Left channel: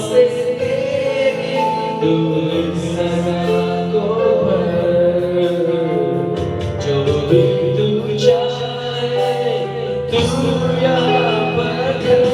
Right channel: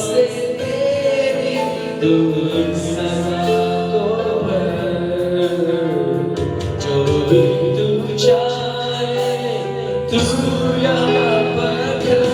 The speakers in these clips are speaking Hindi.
से तेरी तू इस समा को भर, जो भी तू चाहे तू यहाँ पर कर।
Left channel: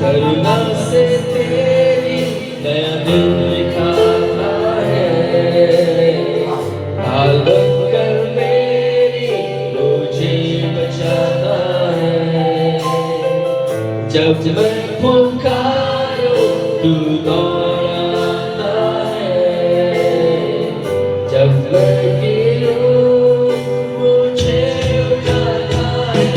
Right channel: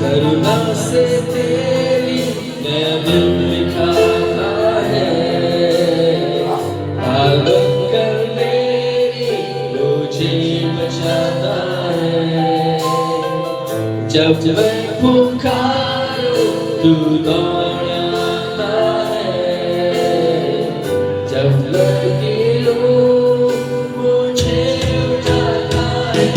करुणा से तेरी नया दिल दिखाता है, हाल बनकर मेरी मुझे बचाता है। जब मैं पुकारूं तू दौड़ आता है, जब लड़की मुझे उठाता है।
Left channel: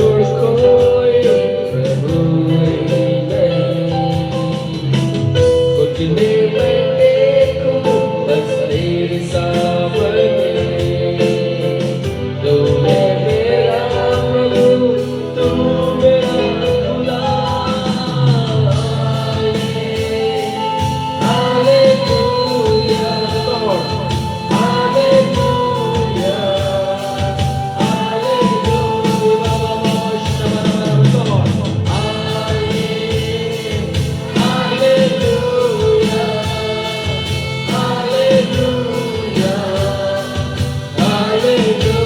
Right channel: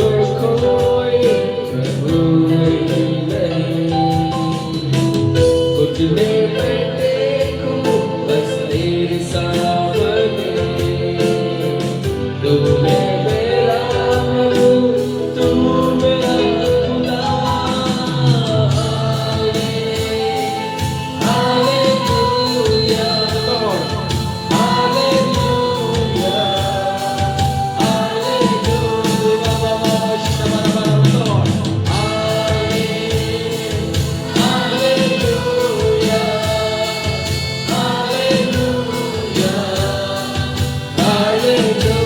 छोड़ कोई प्रभु नहीं। घुटने में टेकूं बस तेरे सामने, तू है मेरा प्रभु, तू मेरा खुदा। हालेलुया, हालेलुया,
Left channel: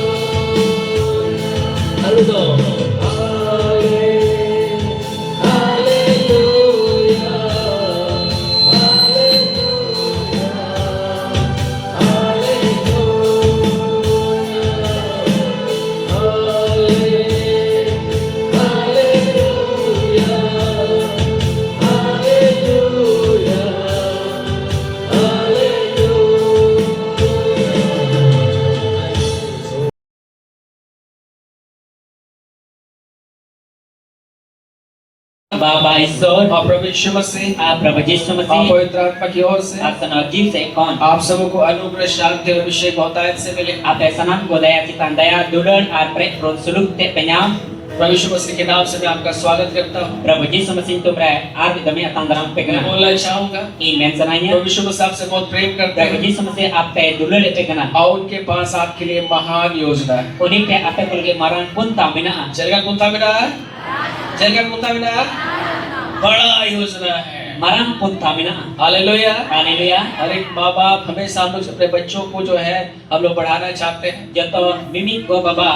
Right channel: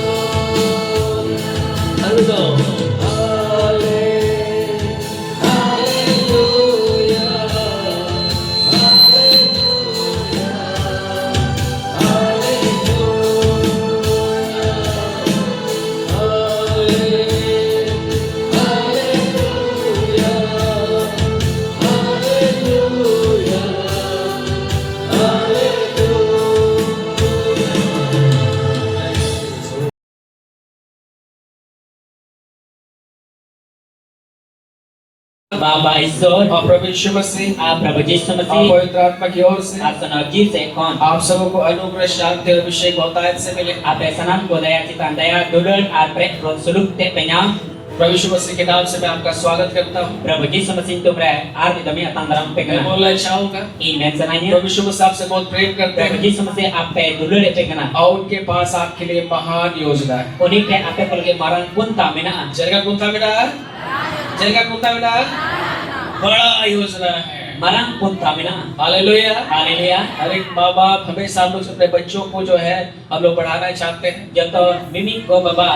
बाबा ईश्वर और प्रभु यीशु मसीह आप प्रभु यीशु और मसीह पवित्र आत्मा की ओर से आप सनजीव से कौन आप सबको अनुग्रह, शांति और अभिषेक बहुतायत से मिले। आप सनम को दया चितान दया दुलर और प्रेम रोन सुलूक ते पेኛम प्रभु यीशु मसीह के नाम से मैं आपका स्वागत करता हूँ। प्रभु यीशु मसीह तो प्रे आर दमी अतंदरम पे मैं कना बोलना चाहूंगा, ई मेन सनाइया प्रभु यीशु मसीह आपसे बहुत प्रेम करते प्रभु हैं यीशु मसीह आप पे दुलर पे कना और उनके पास आपके लिए महान योजना है। उन्हीं के आप पे के मारन पुनता मेना जरगा कुंता मिला, जरगा कुंता मिला, बड़ा योजना है। मारन पुनता मेना हालेलुया। हालेलुया हर एक माँ बाप हमेशा हम लोग अपने बच्चों को जो है हम लोग बढ़ाना चाहते हैं। जो तो मिमी को बाबा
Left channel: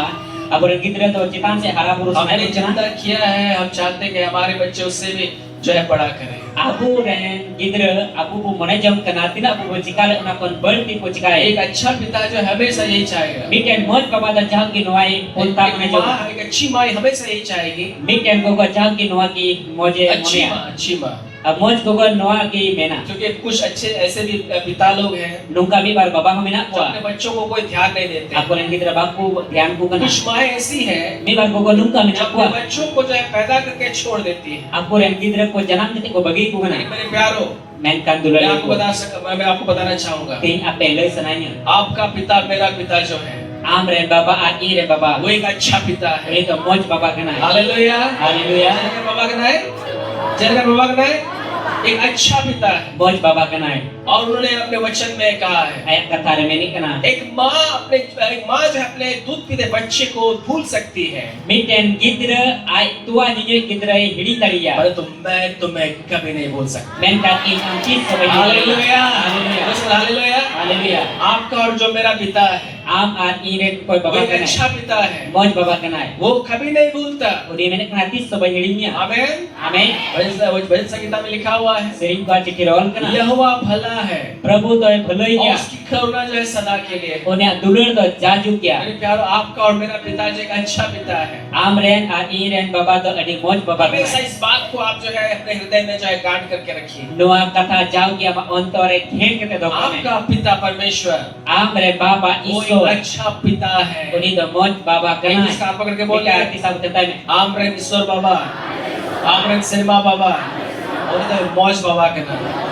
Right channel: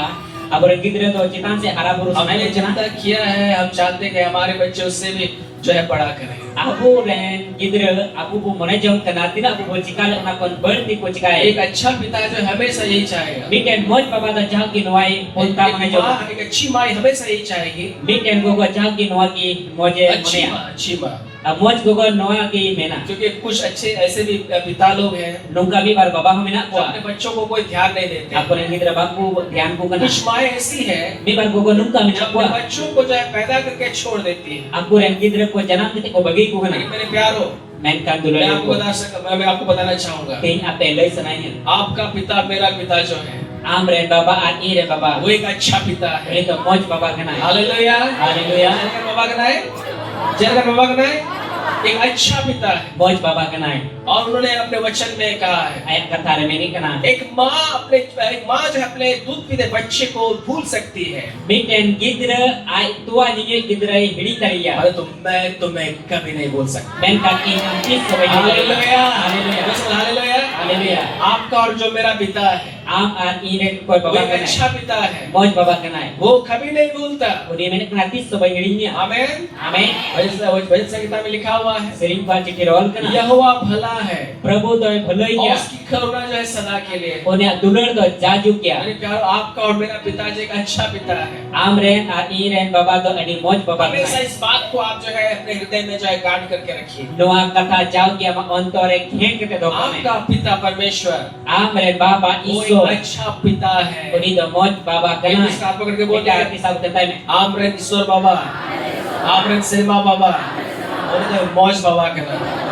अब गिदरे तो चितान से हरा पुरुष हमने नहीं जितना किया है हम चाहते हैं कि हमारे बच्चे उससे भी जो है बड़ा करें। Aku ren gidra aku pun mana jam kena tidak aku bercakap nak kon berdi ko cakap एक अच्छा पिता जो हमेशा यही चाहेगा। miten moj ka bada jang ki noai ponta mana एक jam माँ, एक अच्छी माँ हमेशा यही चाहेगी। miten go go jang ki noa ki moje अच्छी monia माँ, अच्छी माँ। अब moj go go noa ki mena क्योंकि कुछ अच्छे ऐसे भी पिता लोग हैं nungka bi bar baba mena जो ko अपने बच्चों को कोई ध्यान नहीं देते। aku ren gidra baku dhyan ko kana कुछ माँ ऐसी हैं mi bar go go nungka जो mena अपने ko बच्चों को जो है पैदा करके छोड़ देती है। aku ren gidra ko janam kete ko bagi ko kana मेरे प्यारो, men kan मैं dulur आपको मैं आपको बताना चाहूंगा, tin ape loi sananya आपका पिता मेरा पिता जो है am ren baba at i ren baba वो एक अच्छा पिता है। ini to moj baba kana hallelujah, hallelujah जय बाबा का नाम, जय बाबा का नाम। एक अच्छा पिता है moj baba kana और उन्होंने अपने वचन में कहा है ayat kata remeni kana एक माँ जो है अपने दूध पीते बच्चे को भूल सकती है, miten gidra ai tua nije gidra hidi tariya परंतु मैं तुम्हें कभी नहीं भूल सकता। men kan in amti sebagai hallelujah, hallelujah hallelujah. Hallelujah आपका और जो मेरा पिता है am at ire ko वो baba एक kana अच्छा पिता है, moj baba kana वो कभी नहीं भूलता। udi men kan hati sebagai hirinya आमीन। amen भजन संगीता में लिखा हुआ है sering ba cikirol kana यहोवा भला है प्रभु तो और भलोइया उसकी करुणा जो है सदा के लिए। onya dulur to jaju kya मेरे प्यारो, आपका और मेरा पिताजी एक अच्छा पिता है। am ren at iren baba to adi moj baba हमेशा kana इस बात को आप जो है अपने हृदय में जो है गांठ करके रखिए। noa kata jau kya ma ontore khen kete do आपका पिता परमेश्वर am ren baba वो iso एक अच्छा पिता है। udi to moj baba kana इसका आप पकड़ के बोलिए, kita arti sabut tetai me Amaran ईश्वर बाबा, आमरन शर्मा बाबा और तो मौज बाबा के नाम।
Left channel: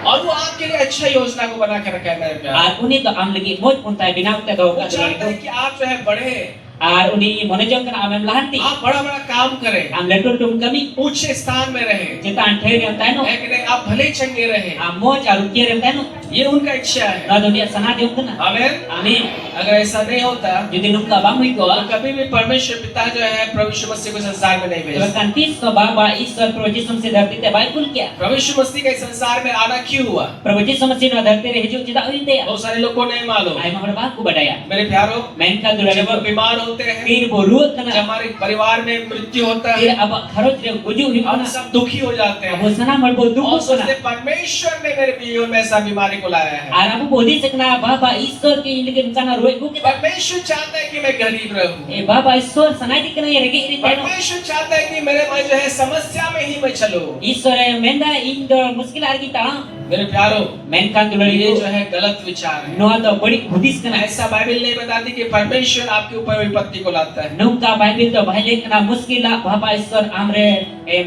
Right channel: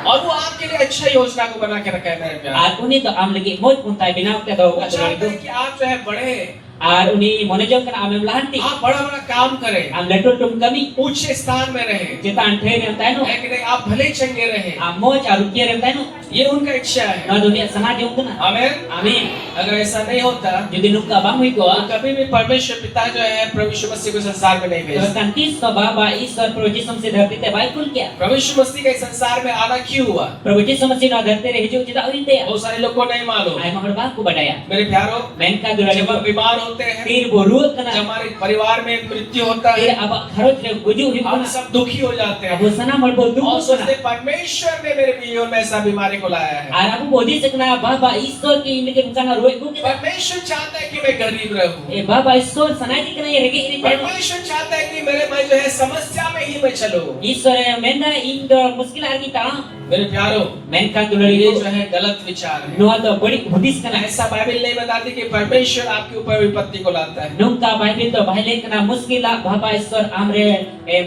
और वो आपके लिए अच्छा योजना को बना के रखा है मेरे प्यारे। ar uni to am lagi moj puntai binaw te do वो ka चाहता है कि आप जो है बढ़े, ar uni monejong kana amem lahanti आप बड़ा बड़ा काम करें, am letur tum kami ऊंचे स्थान में रहे, jeta anthe ni am taino लेकिन आप भले ही चंगे रहे, am moj aru kierem taino ये उनका इच्छा है। na dunia sana di untuna आमीन। amin अगर ऐसा नहीं होता jadi nungka bang hui ko तो कभी भी परमेश्वर पिता जो है प्रभु यीशु मसीह को संसार में नहीं भेजता। kan tiso baba iswar prabhu jisu masih dharti te baikul kya प्रभु यीशु मसीह के संसार में आना क्यों हुआ, prabhu jisu masih na dharti re hiju tidak uinte ya बहुत सारे लोग को नहीं मालूम। ai mahar baku badaya मेरे प्यारो, men ka dulare जब ko हम बीमार होते हैं, tir boru जब kana हमारे परिवार में मृत्यु होता tir है, aba kharoj re guju hi हम kana सब दुखी हो जाते हैं abo sana mar bodu और kana सोचते हैं, परमेश्वर ने मेरे जीवन में ऐसा बीमारी को लाया है। ar abu bodi sekna baba iswar ki indike kana roe ko kita परमेश्वर चाहता है कि मैं गरीब रहूं, e baba iswar sanai ki kana ye rege iri taino परमेश्वर चाहता है कि मैं जो है समस्या में ही मैं चलूं। iswar menda indo muskil ar ki ta मेरे प्यारों, Menkan ये dulari जो है गलत विचार है। noa do balik hudis kana. ऐसा बाइबल नहीं बताती कि परमेश्वर आपके ऊपर विपत्ति को लाता है। Nungka Bible to bahile kana muskila bapa Ishwar amre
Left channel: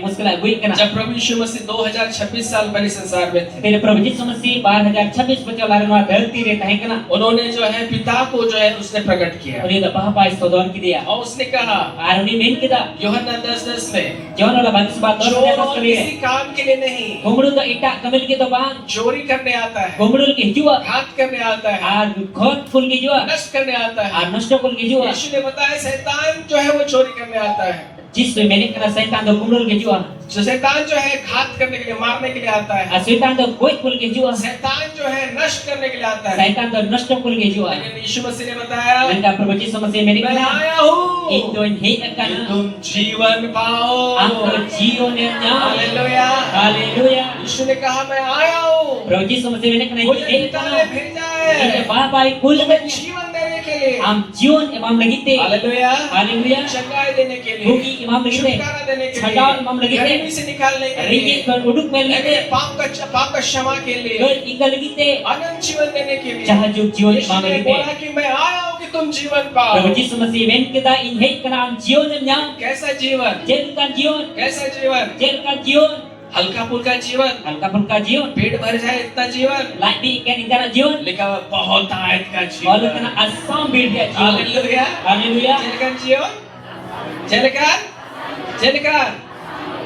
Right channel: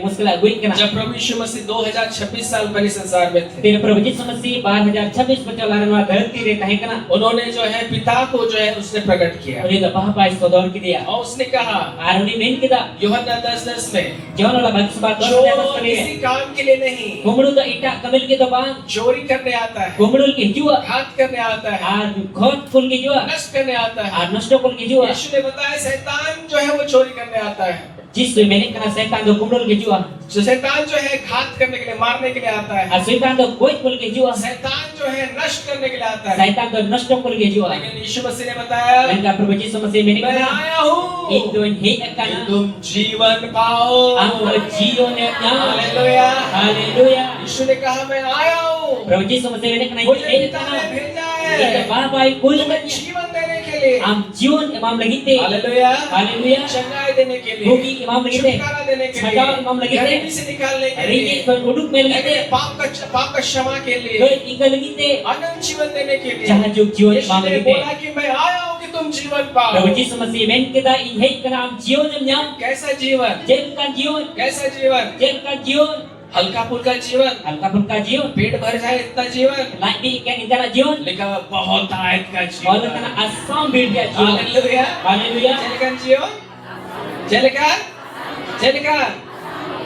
muskila guit kana. जब प्रभु यीशु मसीह 2026 साल पहले संसार में थे, Tene Prabhu Yishu Masih 2026 बच्चों लाने वाला धरती रे तहे kana. उन्होंने जो है पिता को जो है उसने प्रकट किया Uni da bapa Ishwar don ki dia. और उसने कहा Aruni men kita. यूहन्ना 10:10 में, Jangan la bagi sebat don चोर kita sekali. किसी काम के लिए नहीं, Kumul to itak kamil kita bang. चोरी करने आता है, Kumul ki jua. घात करने आता है, Ar khot full ki jua. नष्ट करने आता है। Ar nosto full ki jua. यीशु ने बताया शैतान जो है वो चोरी करने आता है, Jisu menik kana setan do kumul ki jua. जो शैतान जो है घात करने के लिए, मारने के लिए आता है, Ar setan do goit full ki jua. शैतान जो है नष्ट करने के लिए आता है। Setan do nosto full ki jua. लेकिन यीशु मसीह ने बताया, Menka Prabhu Yishu Masih menik मैं kana. आया हूँ Indon hei कि kana. तुम जीवन पाओ। Ang jion nya. Hallelujah. Hallelujah. यीशु ने कहा मैं आया हूँ, Prabhu Yishu Masih menik kana. मुझे पिता ने भेजा Ita है bapa kul तुम्हें जीवन देने के लिए। am jion imam lagite. Hallelujah. Hallelujah. चंगाई देने के लिए, Bugi imam lagite. छुटकारा देने के छटाव लिए, इमाम लगे थे। गरीबी से निकालने के Rigi लिए, kon uduk mel लेकिन lagite. पाप का क्षमा के लिए, Koi ika lagite. अनंत जीवन देने के लिए। Jahajuk jion यीशु imam ने lagite. बोला कि मैं आया हूँ कि तुम जीवन पाओ। Prabhu Yishu Masih men kita in hei kana am jion nya. कैसा जीवन? Jel kan jion. कैसा जीवन? Jel kan jion. हल्का फुल्का जीवन, Alka pulka jion. पेट भर जाए इतना जीवन, Lagi ikan ikana jion. लिखा हुआ बहुत आयत का Oleh जीवन। kana asam birdia jion. Hallelujah. Hallelujah. जेलकन जीवन, जेलकन, जेलकन,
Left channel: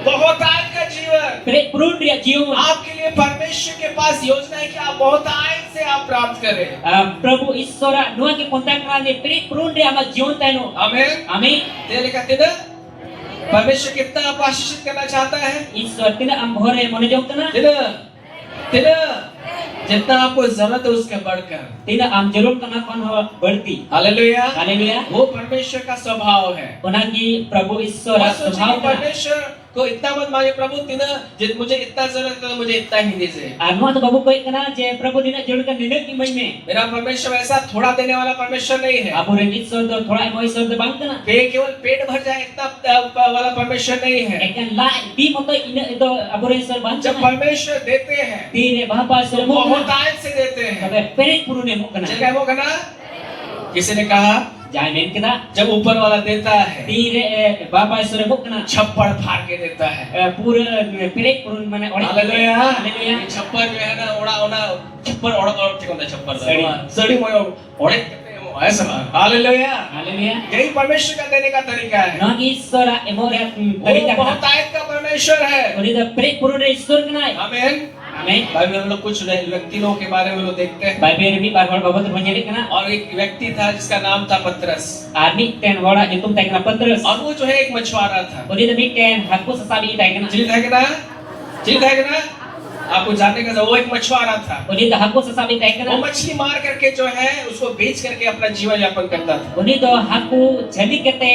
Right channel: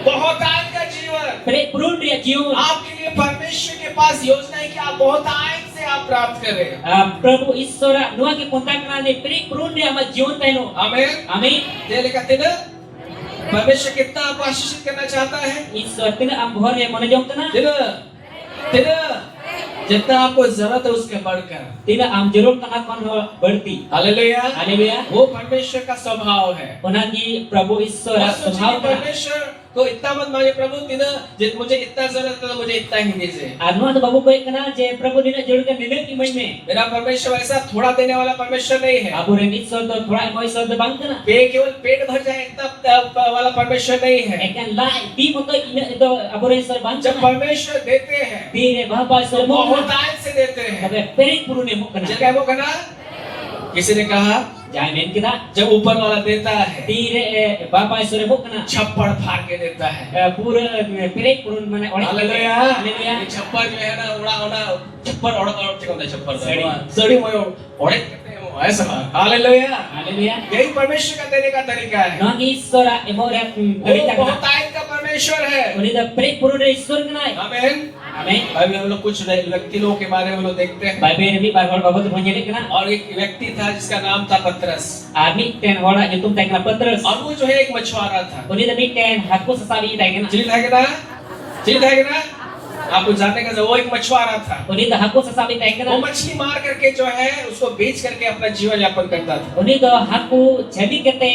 बहुत आयत का जीवन। Pret purun dia jion. आपके लिए परमेश्वर के पास योजना है कि आप बहुत आयत से आप प्राप्त करें। Prabhu Ishwara nuah ke kontak kana ni pret purun dia ama jion taino. आमीन। Amin. ये लिखा थे ना, परमेश्वर कितना आपको आशीषित करना चाहता है, Ishwar tina am bhore monojog kana. तेरा जितना आपको जरूरत है उसके बढ़कर। Tina am jeruk kana kon berti. Hallelujah. Hallelujah. वो परमेश्वर का स्वभाव है। Onagi Prabhu Ishwara और सोचिए कि स्वभाव kana. परमेश्वर को इतना मत मांगे, प्रभु तीना मुझे इतना जरूरत है तो मुझे इतना ही दीजिए। Anu tu babu koi kana je Prabhu dina jorkan nilai ki mai me. मेरा परमेश्वर ऐसा थोड़ा देने वाला परमेश्वर नहीं है। Abu ren Ishwar to thoda moi Ishwar to bang kana. केवल पेट भर जाए इतना वाला परमेश्वर नहीं है। Ekan lai di moto ina itu Abu ren Ishwar bang जब kana. परमेश्वर देते हैं Dire bapa तो Ishwar mo बहुत kana. आयत से देते हैं। Kabe perik purune mo kana. क्या वो कहना, किसी ने कहा Jangan main kita. जब ऊपर वाला देता है Dire bapa Ishwar mo kana. छप्पड़ फाड़ के देता है। Pura perik purun mana orang. Hallelujah. Hallelujah. ये छप्पड़ जो है ना उड़ा उड़ा छप्पड़ उड़ा उड़ा ठीक होता है छप्पड़ सड़ी। सड़ी मोयो उड़े कहते हैं वो ऐसा। हालेलुया। Hallelujah. यही परमेश्वर का देने का तरीका है। Non Ishwara emora वो tarika बहुत kana. आयत का परमेश्वर है। Uli da perik purun Ishwar kana. आमीन। Amin. भाई हम लोग कुछ व्यक्ति लोगों के बारे में लोग देखते हैं, Bible ni bar hol babat panjali kana. और एक व्यक्ति था जिसका नाम था पतरस, Army ten hola nyutum tay kana Petrus. और वो जो है एक मछुआरा था। Uli da mi ten hakku sasabi tay kana. ठीक है ना, ठीक है ना, आपको जानने का वो एक मछुआरा था। Uli da hakku sasabi tay वो kana. मछली मार करके जो है उसको बेच करके अपना जीवन यापन करता था। Uli do hakku jadi kete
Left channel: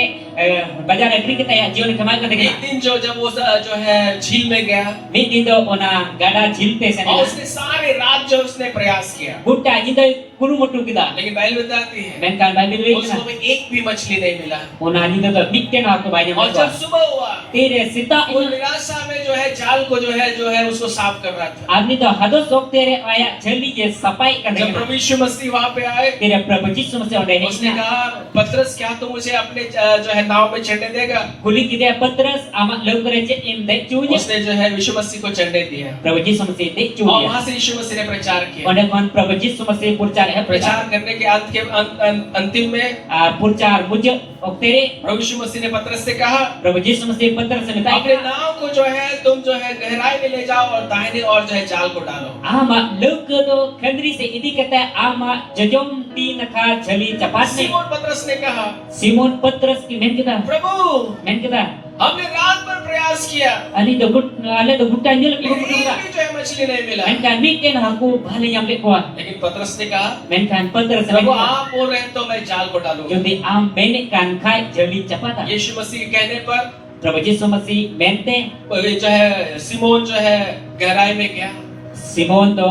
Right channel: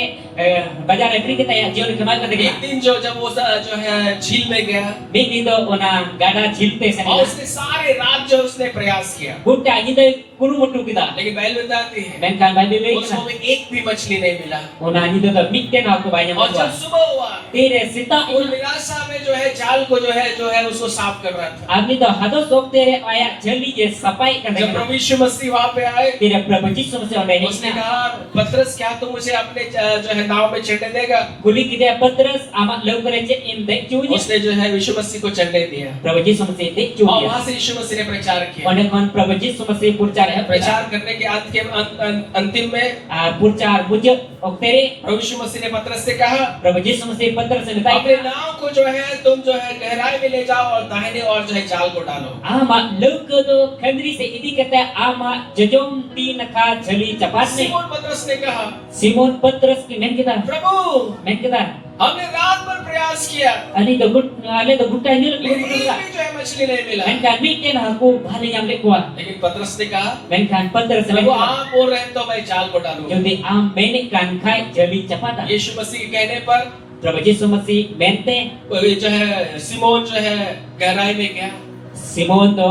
bajar negeri kita ya jion kemal kete एक kana. दिन जो जो है झील में गया Mi din do ona gada jilpe और sana. उसने सारे रात जो उसने प्रयास किया, Buta kita kuru mutu kita. लेकिन बाइबल बताती है Men kan Bible we उसको kana. एक भी मछली नहीं मिला। Ona kita do mi ten hakku banyak और जब macam. सुबह हुआ Tere sita वो निराशा में जो है जाल को जो है उसको साफ कर रहा था। आदमी तो हदो सोक तेरे आया जल्दी जे सफाई कर जब देगा प्रभु यीशु मसीह वहां पे आए, तेरे प्रभु यीशु मसीह ओंडे उसने है कहा पतरस क्या तुम मुझे अपने जो है नाव में चढ़ने देगा? कुली किदे पत्रस आमा लोग करे जे इन देख चूजे उसने जो है यीशु मसीह को चढ़ने दिया प्रभु यीशु मसीह देख और चूजे वहां से यीशु मसीह ने प्रचार किया। ओंडे कौन प्रभु यीशु मसीह प्रचार है प्रचार करने के अंत के अंतिम में प्रचार मुझे और तेरे प्रभु यीशु मसीह ने पतरस से कहा प्रभु यीशु मसीह पत्रस से अपने बताया नाव को जो है तुम जो है गहराई में ले जाओ और दाहिने और जो है जाल को डालो। आमा लोग तो खंडरी से इदी कहता है आमा जजोम तीन खा झली चपाट में सिमोन पतरस ने कहा सिमोन पत्रस की मेन कहता प्रभु मेन कहता हमने रात भर प्रयास किया अनि तो गुट वाले तो गुट्टा न्यूल लेकिन एक भी जो है मछली नहीं मिला। Menkan mikin aku bahale yang lekwa. लेकिन पतरस ने कहा Menkan पत्र से प्रभु lekwa. आप बोल रहे हैं तो मैं जाल को डालूंगा। Jadi am menkan kai jadi cepata. यीशु मसीह के कहने पर Prabhu Yesus Masih mente जो है सिमोन जो है गहराई में गया Simon to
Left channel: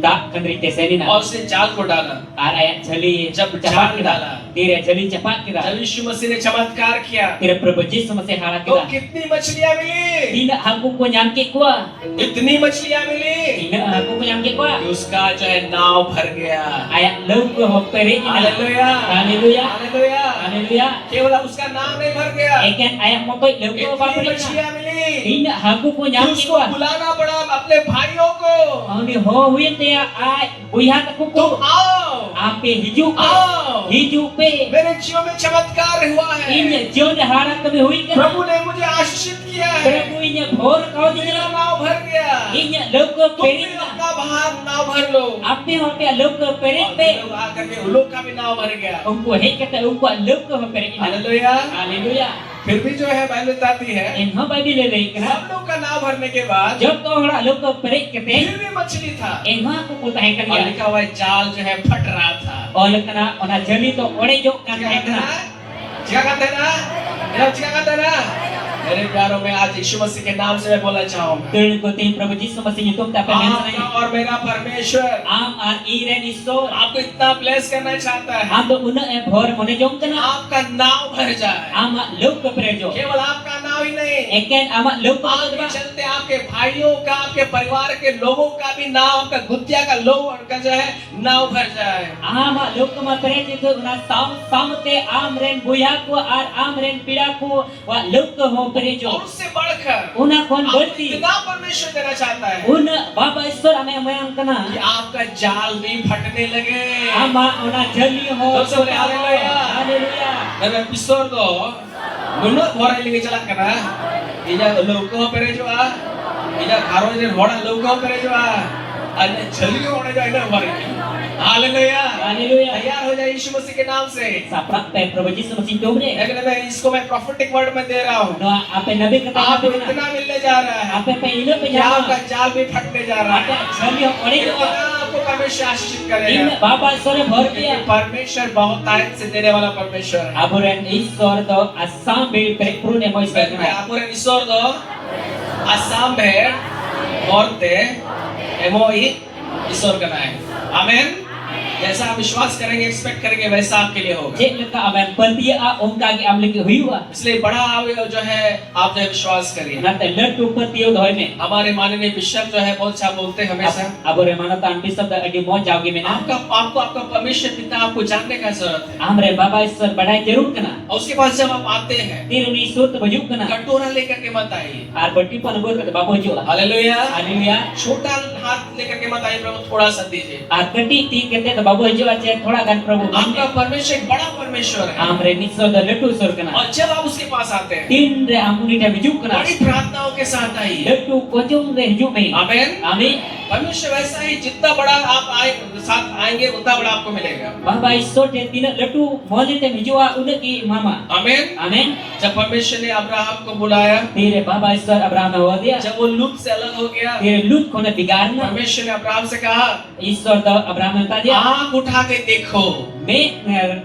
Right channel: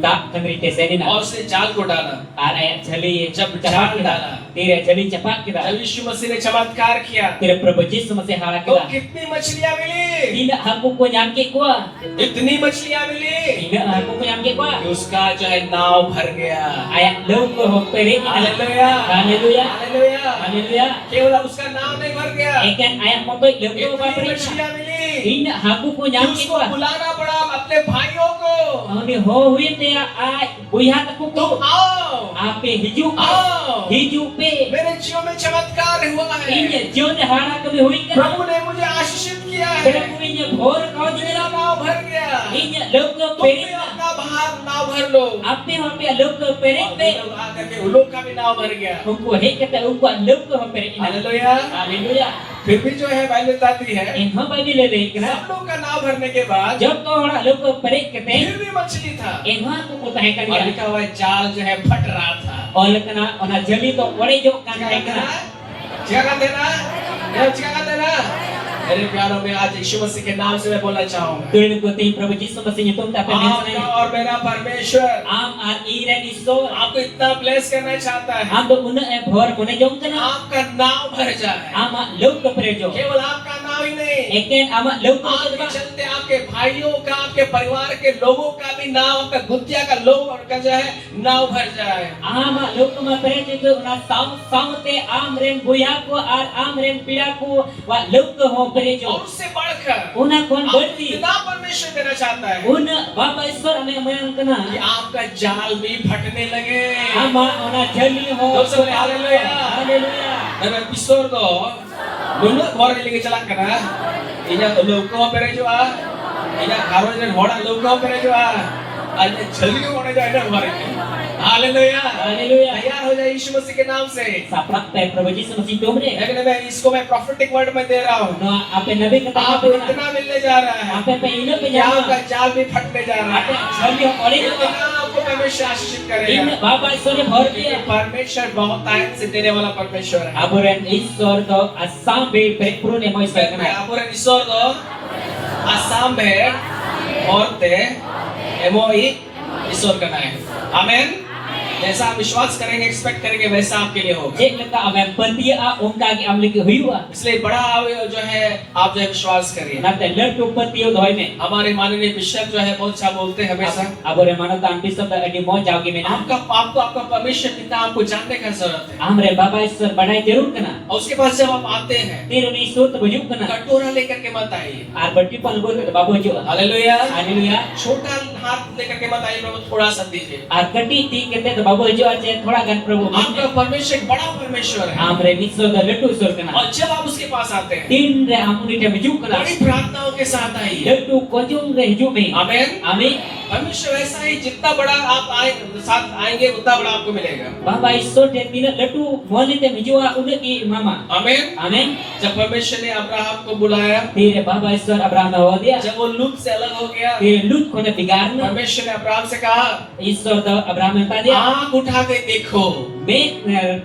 dak kendri te senina और उसने जाल को डाला। ar ayat jali जब cepat जाल kita डाला, tira jali cepat kita जब यीशु मसीह ने चमत्कार किया tira Prabhu Yesus masih hala तो kita कितनी मछलियां मिली? tina aku ko nyamke kwa इतनी मछलियां मिली tina aku ko nyamke kwa कि उसका जो है नाव भर गया। ayat lau ko hoppere ina hallelujah, haleluya hallelujah. haleluya केवल उसका नाव नहीं भर गया, eken ayat motoi lau ko इतनी hoppere मछलियां मिली tina aku ko कि nyamke उसको kwa बुलाना पड़ा अपने भाइयों को, ani ho huyen te ai buihat aku ko तुम आओ, ape hijau आओ, hijau pe मेरे जीवन में चमत्कार हुआ है। inya jion hara kami hui ke प्रभु ने मुझे आशीषित किया है, Prabhu inya bhor kau मेरा dina नाव भर गया। inya lau ko तुम भी pere अपना भाग नाव भर लो। ape hope lau ko pere और pe वे लोग आकर के उन लोग का भी नाव भर गया। Ungko hei kata ungko lau ko hoppere ina hallelujah. haleluya फिर भी जो है बाइबल बताती है en ho bai dile le kena सब लोग का नाव भरने के बाद jab to hora lau ko pere kete फिर भी मछली था en ho aku ko tahan और kan ya लिखा हुआ है जाल जो है फट रहा था। oleh kena ona jeli to ore jok kan क्या tahan कहते kena हैं? क्या कहते हैं ना? क्या कहते हैं ना? मेरे प्यारों में आज यीशु मसीह के नाम से मैं बोलना चाहूंगा, turun ko tin Prabhu Yesus masih nyutum ta pen आपका और मेरा परमेश्वर am ar iren iso आपको इतना ब्लेस करना चाहता है, am do muna e bhor mone jong kena आपका नाव भर जाए। ama lau ko pere jo केवल आपका नाव ही नहीं, eken ama lau ko आपके ba चलते आपके भाइयों का, आपके परिवार के लोगों का भी नाव, आपका गुत्तिया का लोग उनका जो है नाव भर जाए। ama lau ko ma pere jo una sam te am ren buya ko ar am ren pida ko wa lau ko ho pere jo और उससे बढ़कर una kon आपको berti इतना परमेश्वर देना चाहता है una baba isor ame mayam कि kena आपका जाल भी फटने लगे। ama ona jeli ho Dosa boleh, haleluya. haleluya Dan episode to menurut orang yang lagi jalan kena, ini लोगों पर जो आ, ini घरों में होड़ा लोगों पर जो आ, आज जल्दी होने जो है ना हमारे, हालेलुया, haleluya तैयार हो जाए यीशु मसीह के नाम से। saprak te Prabhu Yesus masih dom re लेकिन मैं इसको मैं prophetic word में दे रहा हूँ, no ape nabi kata आपको apa इतना मिलने जा रहा है ape pe ino pe कि आपका jama जाल भी फटने जा रहा ape है। jeli ho ore jo इतना आपको परमेश्वर आशीषित in करेगा, baba isor bhor क्योंकि dia परमेश्वर बहुत टाइम से देने वाला परमेश्वर है। aburen isor to asam be pekrun emoy मैं sekena आपको ईश्वर दो आसाम में औरते एमओई ईश्वर का नाम है। आमीन। जैसा आप विश्वास करेंगे, एक्सपेक्ट करेंगे, वैसा आपके लिए होगा। cek leka ame pertia ongka ki am lagi huiwa इसलिए बड़ा आप जो है आप जो है विश्वास करिए। nate letu pertiu doi me हमारे माननीय बिशप जो है बहुत अच्छा बोलते हैं हमेशा, abure manata am bisab da adi mo jagi me आपका आपको आपका परमेश्वर पिता आपको जानने का जरूरत है। amre baba isor badai jarur kena और उसके पास जब आप आते हैं, tiruni isor to bajuk kena कटोरा लेकर के मत आइए। ar berti pan gor kata babu jo hallelujah. haleluya छोटा हाथ लेकर के मत आइए, प्रभु थोड़ा सा दीजिए। ar kati ti kete to babu jo ache thoda gan Prabhu आपका परमेश्वर एक बड़ा परमेश्वर है। amre nisor da letu isor kena और जब आप उसके पास आते हैं, tin re amuni te bajuk kena बड़ी प्रार्थनाओं के साथ आइए। letu kojong re hiju me आमीन। amin परमेश्वर वैसा ही जितना बड़ा आप आए साथ आएंगे उतना बड़ा आपको मिलेगा। baba isor te tina letu moni te hijua unaki mama आमीन। amin जब परमेश्वर ने अब्राहम को बुलाया, tire baba isor abraham ho dia जब वो लूत से अलग हो गया, tire lut kona bigarna परमेश्वर ने अब्राहम से कहा, isor da abraham ta dia आंख उठा के देखो। me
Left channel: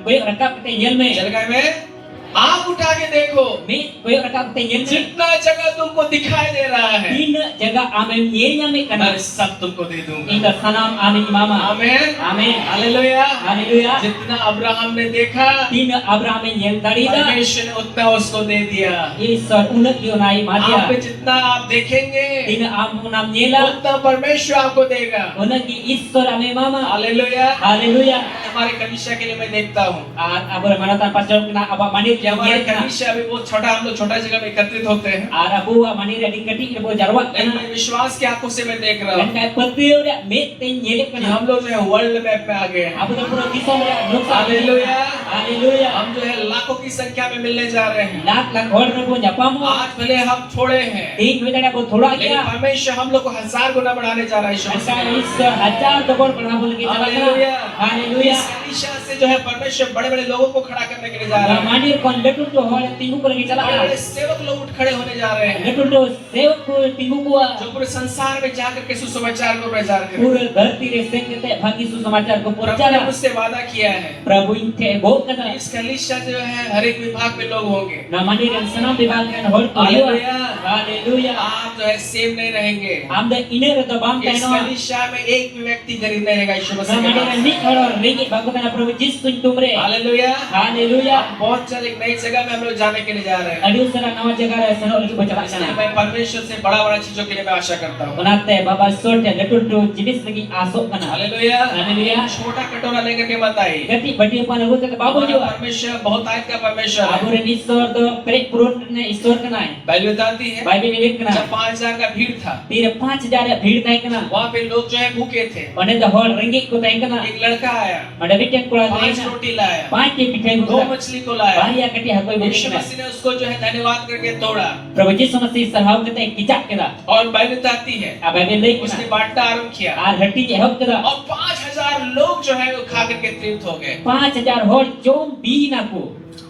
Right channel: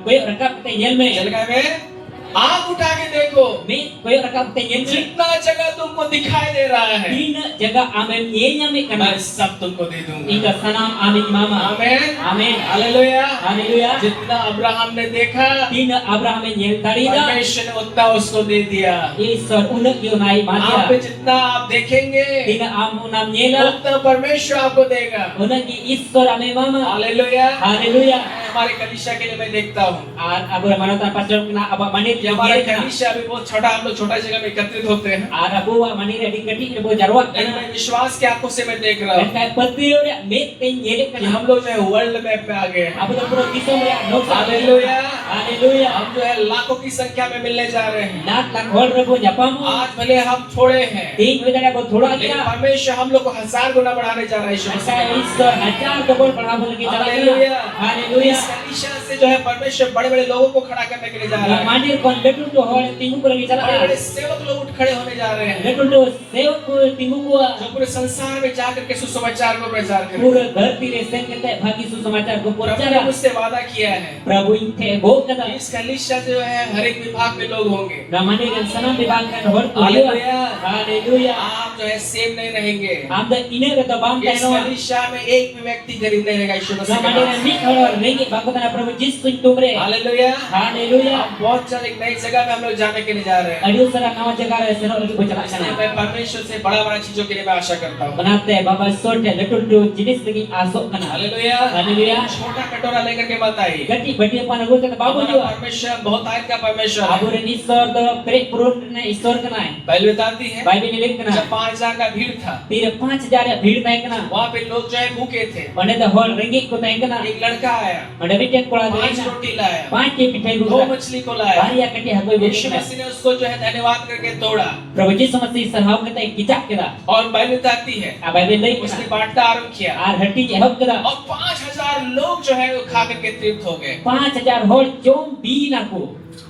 koy rakap te nyel me चल गए में आंख उठा के देखो, me koy rakap te nyel me जितना जगह तुमको दिखाई दे रहा है tin jaga amen yenya me kana मैं सब तुमको दे दूंगा। ita sanam amin mama आमीन। amin hallelujah. haleluya जितना अब्राहम ने देखा, tin abraham nyel tadi da परमेश्वर ने उतना उसको दे दिया। isor unak di unai आप पे madia जितना आप देखेंगे, tin amunam nyela उतना परमेश्वर आपको देगा। unak isor ame mama hallelujah. haleluya हमारे कलीसिया के लिए मैं देखता हूँ abur manatan pastor kena aba manit कि हमारे yang kana कलीसिया अभी बहुत छोटा, हम लोग छोटा जगह में एकत्रित होते हैं, abu manit di keti bo jarwat लेकिन kana मैं विश्वास की आंखों से मैं देख रहा dan हूँ kai petiu dia me te nyelek कि kana हम लोग जो है वर्ल्ड मैप में आ गए हैं। abu da pura disom dia noksa hallelujah. haleluya हम जो है लाखों की संख्या में मिलने जा रहे हैं। lak lak hor rebo nyapamu आज भले हम थोड़े हैं, ting wedana bo thoda लेकिन kya परमेश्वर हम लोग को 1000 गुना बढ़ाने जा रहा है यीशु asa मसीह। isor ajar dobol panabu lagi hallelujah. jala haleluya इस कलीसिया से जो है परमेश्वर बड़े बड़े लोगों को खड़ा करने के लिए जा रहा है। mandir kon letu to hor tingu ko lagi बड़े jala बड़े सेवक लोग उठ खड़े होने जा रहे हैं, letu to sevak ko tingu ko जो पूरे संसार में जाकर के सुसमाचार को प्रचार करें। pura dharti re sen kete bhagi susamachar ko pura प्रभु ने jala मुझसे वादा किया है prabhu inte bo kana इस कलीसिया जो है हर एक विभाग में लोग होंगे। na mandir yang sanam dibangkan hor ko hallelujah. Haleluya. आप जो है सेम नहीं रहेंगे। Am da ina kata bam इस tayo. कलीसिया में एक भी व्यक्ति गरीब नहीं रहेगा यीशु मसीह के Namanya नाम ni orang ringgit bangko tanah Prabhu Yesus pun tumre. से। हालेलुया। Haleluya. हम बहुत जल्द एक नई जगह में हम लोग जाने के लिए जा रहे हैं। Aduh sara nawa jaga re sanok lagi berjalan इसलिए sana. मैं परमेश्वर से बड़ा चीजों के लिए मैं आशा करता हूँ। Onate baba sor te letu jenis lagi asok kana. Hallelujah. Haleluya. छोटा कटोरा लेकर के मत आइए। Gati badi panagu kata babu हमारा juga. परमेश्वर बहुत आज का परमेश्वर है। Abu ren isor do perik purun ne isor kana hai. Bible बताती है Bible milik kana. जब 5000 का भीड़ था Tira 5,000 भीड़ ताई kana. वहाँ पे लोग जो है भूखे थे। Onde the whole ringgit ko tayi kana. एक लड़का आया, Onde bitek kola 5 tayi na. रोटी लाया, 5 ke pitai 2 buka. मछली को लाया। Bahaya kati hagoi यीशु buka. मसीह ने उसको जो है धन्यवाद करके तोड़ा Prabhu Yesus masih sarhau kata kicap kira. और बाइबल बताती है Bible lek उसने kana. बांटना आरंभ किया Ar hati je hok kira. और 5000 लोग जो है वो खा करके तृप्त हो गए। 5,000 whole jom bin aku.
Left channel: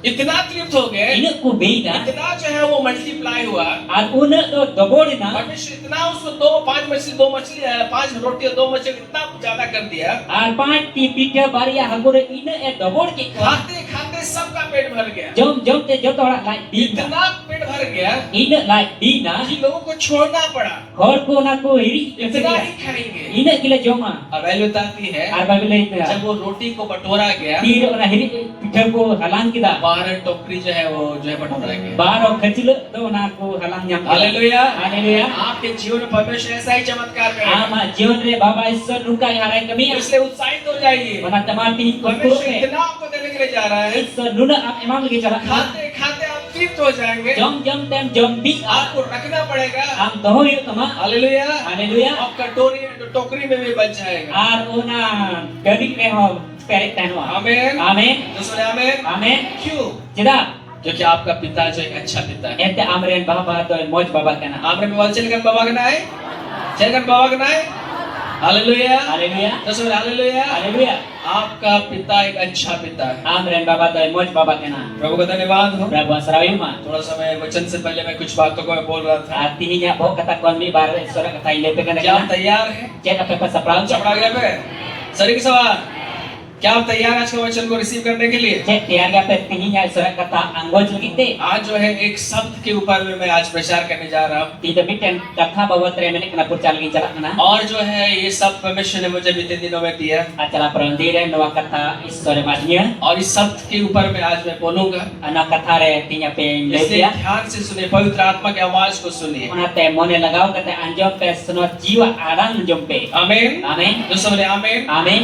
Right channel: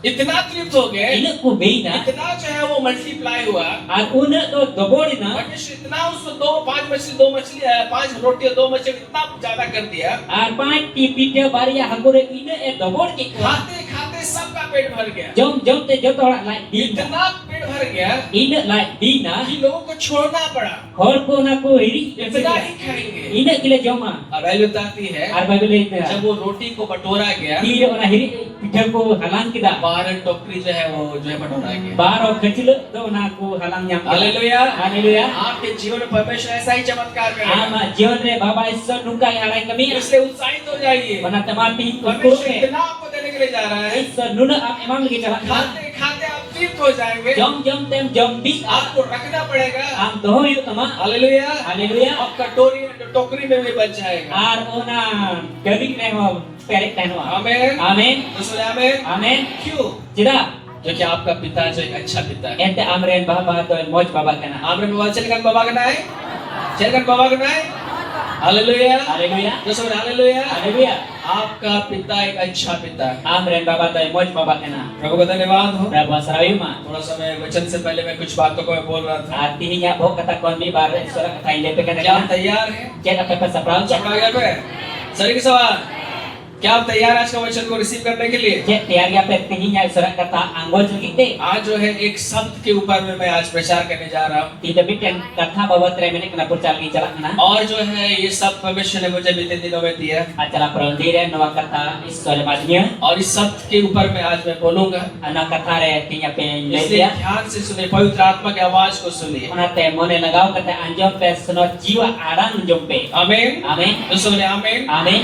इतना तृप्त हो गए, Ina ku bin na. इतना जो है वो मल्टीप्लाई हुआ। Ar una do dobori na. परमेश्वर इतना उसको 2 मछली 5 रोटी और 2 मछली इतना ज्यादा कर दिया। Ar 5 ti pita baria hagore ina dobor ke ko. खाते खाते सबका पेट भर गया। Jom te joto orang like bin na. इतना पेट भर गया Ina like bin na. कि लोगों को छोड़ना पड़ा। Hor ko na ko iri. इतना ही खाएंगे। Ina gila joma. और बाइबल बताती है Ar Bible lek na. जब वो रोटी को बटोरा गया, Tira orang hiri pita ko halang kita. 12 टोकरी जो है वो जो है बटोरा गया। Baro kecil do na ko halang nyam. Hallelujah. Haleluya. आपके जीवन में परमेश्वर ऐसा ही चमत्कार करेगा। Ama jiwan re baba isor nuka yang halang kami. इसलिए उत्साहित हो जाइए। Wana temati ko परमेश्वर ko. इतना आपको देने के लिए जा रहा है। Isor nuna am emang lagi jalan. खाते खाते आप तृप्त हो जाएंगे। Jom tem jom bi आपको रखना पड़ेगा। am doho yu tama. Hallelujah. Haleluya. आप कटोरी टोकरी में भी बच जाएगा। Ar ona gadik ne ho perik tano. आमीन। Amin. दूसरे आमीन। Amin. क्यों? Jeda. क्योंकि आपका पिता जो एक अच्छा पिता है। Ente amren baba to moj baba kana. आमीन बाबा चलकर बाबा का नाम है। चलकर बाबा का नाम है। हालेलुया। Haleluya. दूसरे हालेलुया। Haleluya. आपका पिता एक अच्छा पिता है। Amren baba to moj baba kana. प्रभु का धन्यवाद हो। Prabu sarawima. थोड़ा समय वचन से पहले मैं कुछ बातों को मैं बोल रहा था। Artinya bo kata kon mi bar sora kata inde pe kana. क्या आप तैयार हैं? Jet apa pa saprang. चपड़ा गया पे सरी के सवाल क्या आप तैयार आज का वचन को रिसीव करने के लिए? Jet tiaga pe tihinya sora kata anggol kita. आज जो है एक शब्द के ऊपर में मैं आज प्रचार करने जा रहा हूँ Tidak bikin kata bawa 3 minit kena purcal lagi jalan kana. और जो है ये शब्द परमेश्वर ने मुझे बीते दिनों में दिया Acara perundire nawa kata isore madnya. और इस शब्द के ऊपर मैं आज मैं बोलूंगा। Anak kata re tinya pe इसलिए lesia. ध्यान से सुनिए, पवित्र आत्मा की आवाज को सुनिए। Ona te mone lagau kata anjom pe senor jiwa arang jompe. आमीन। Amin. दोस्तों बोलिए आमीन। Amin.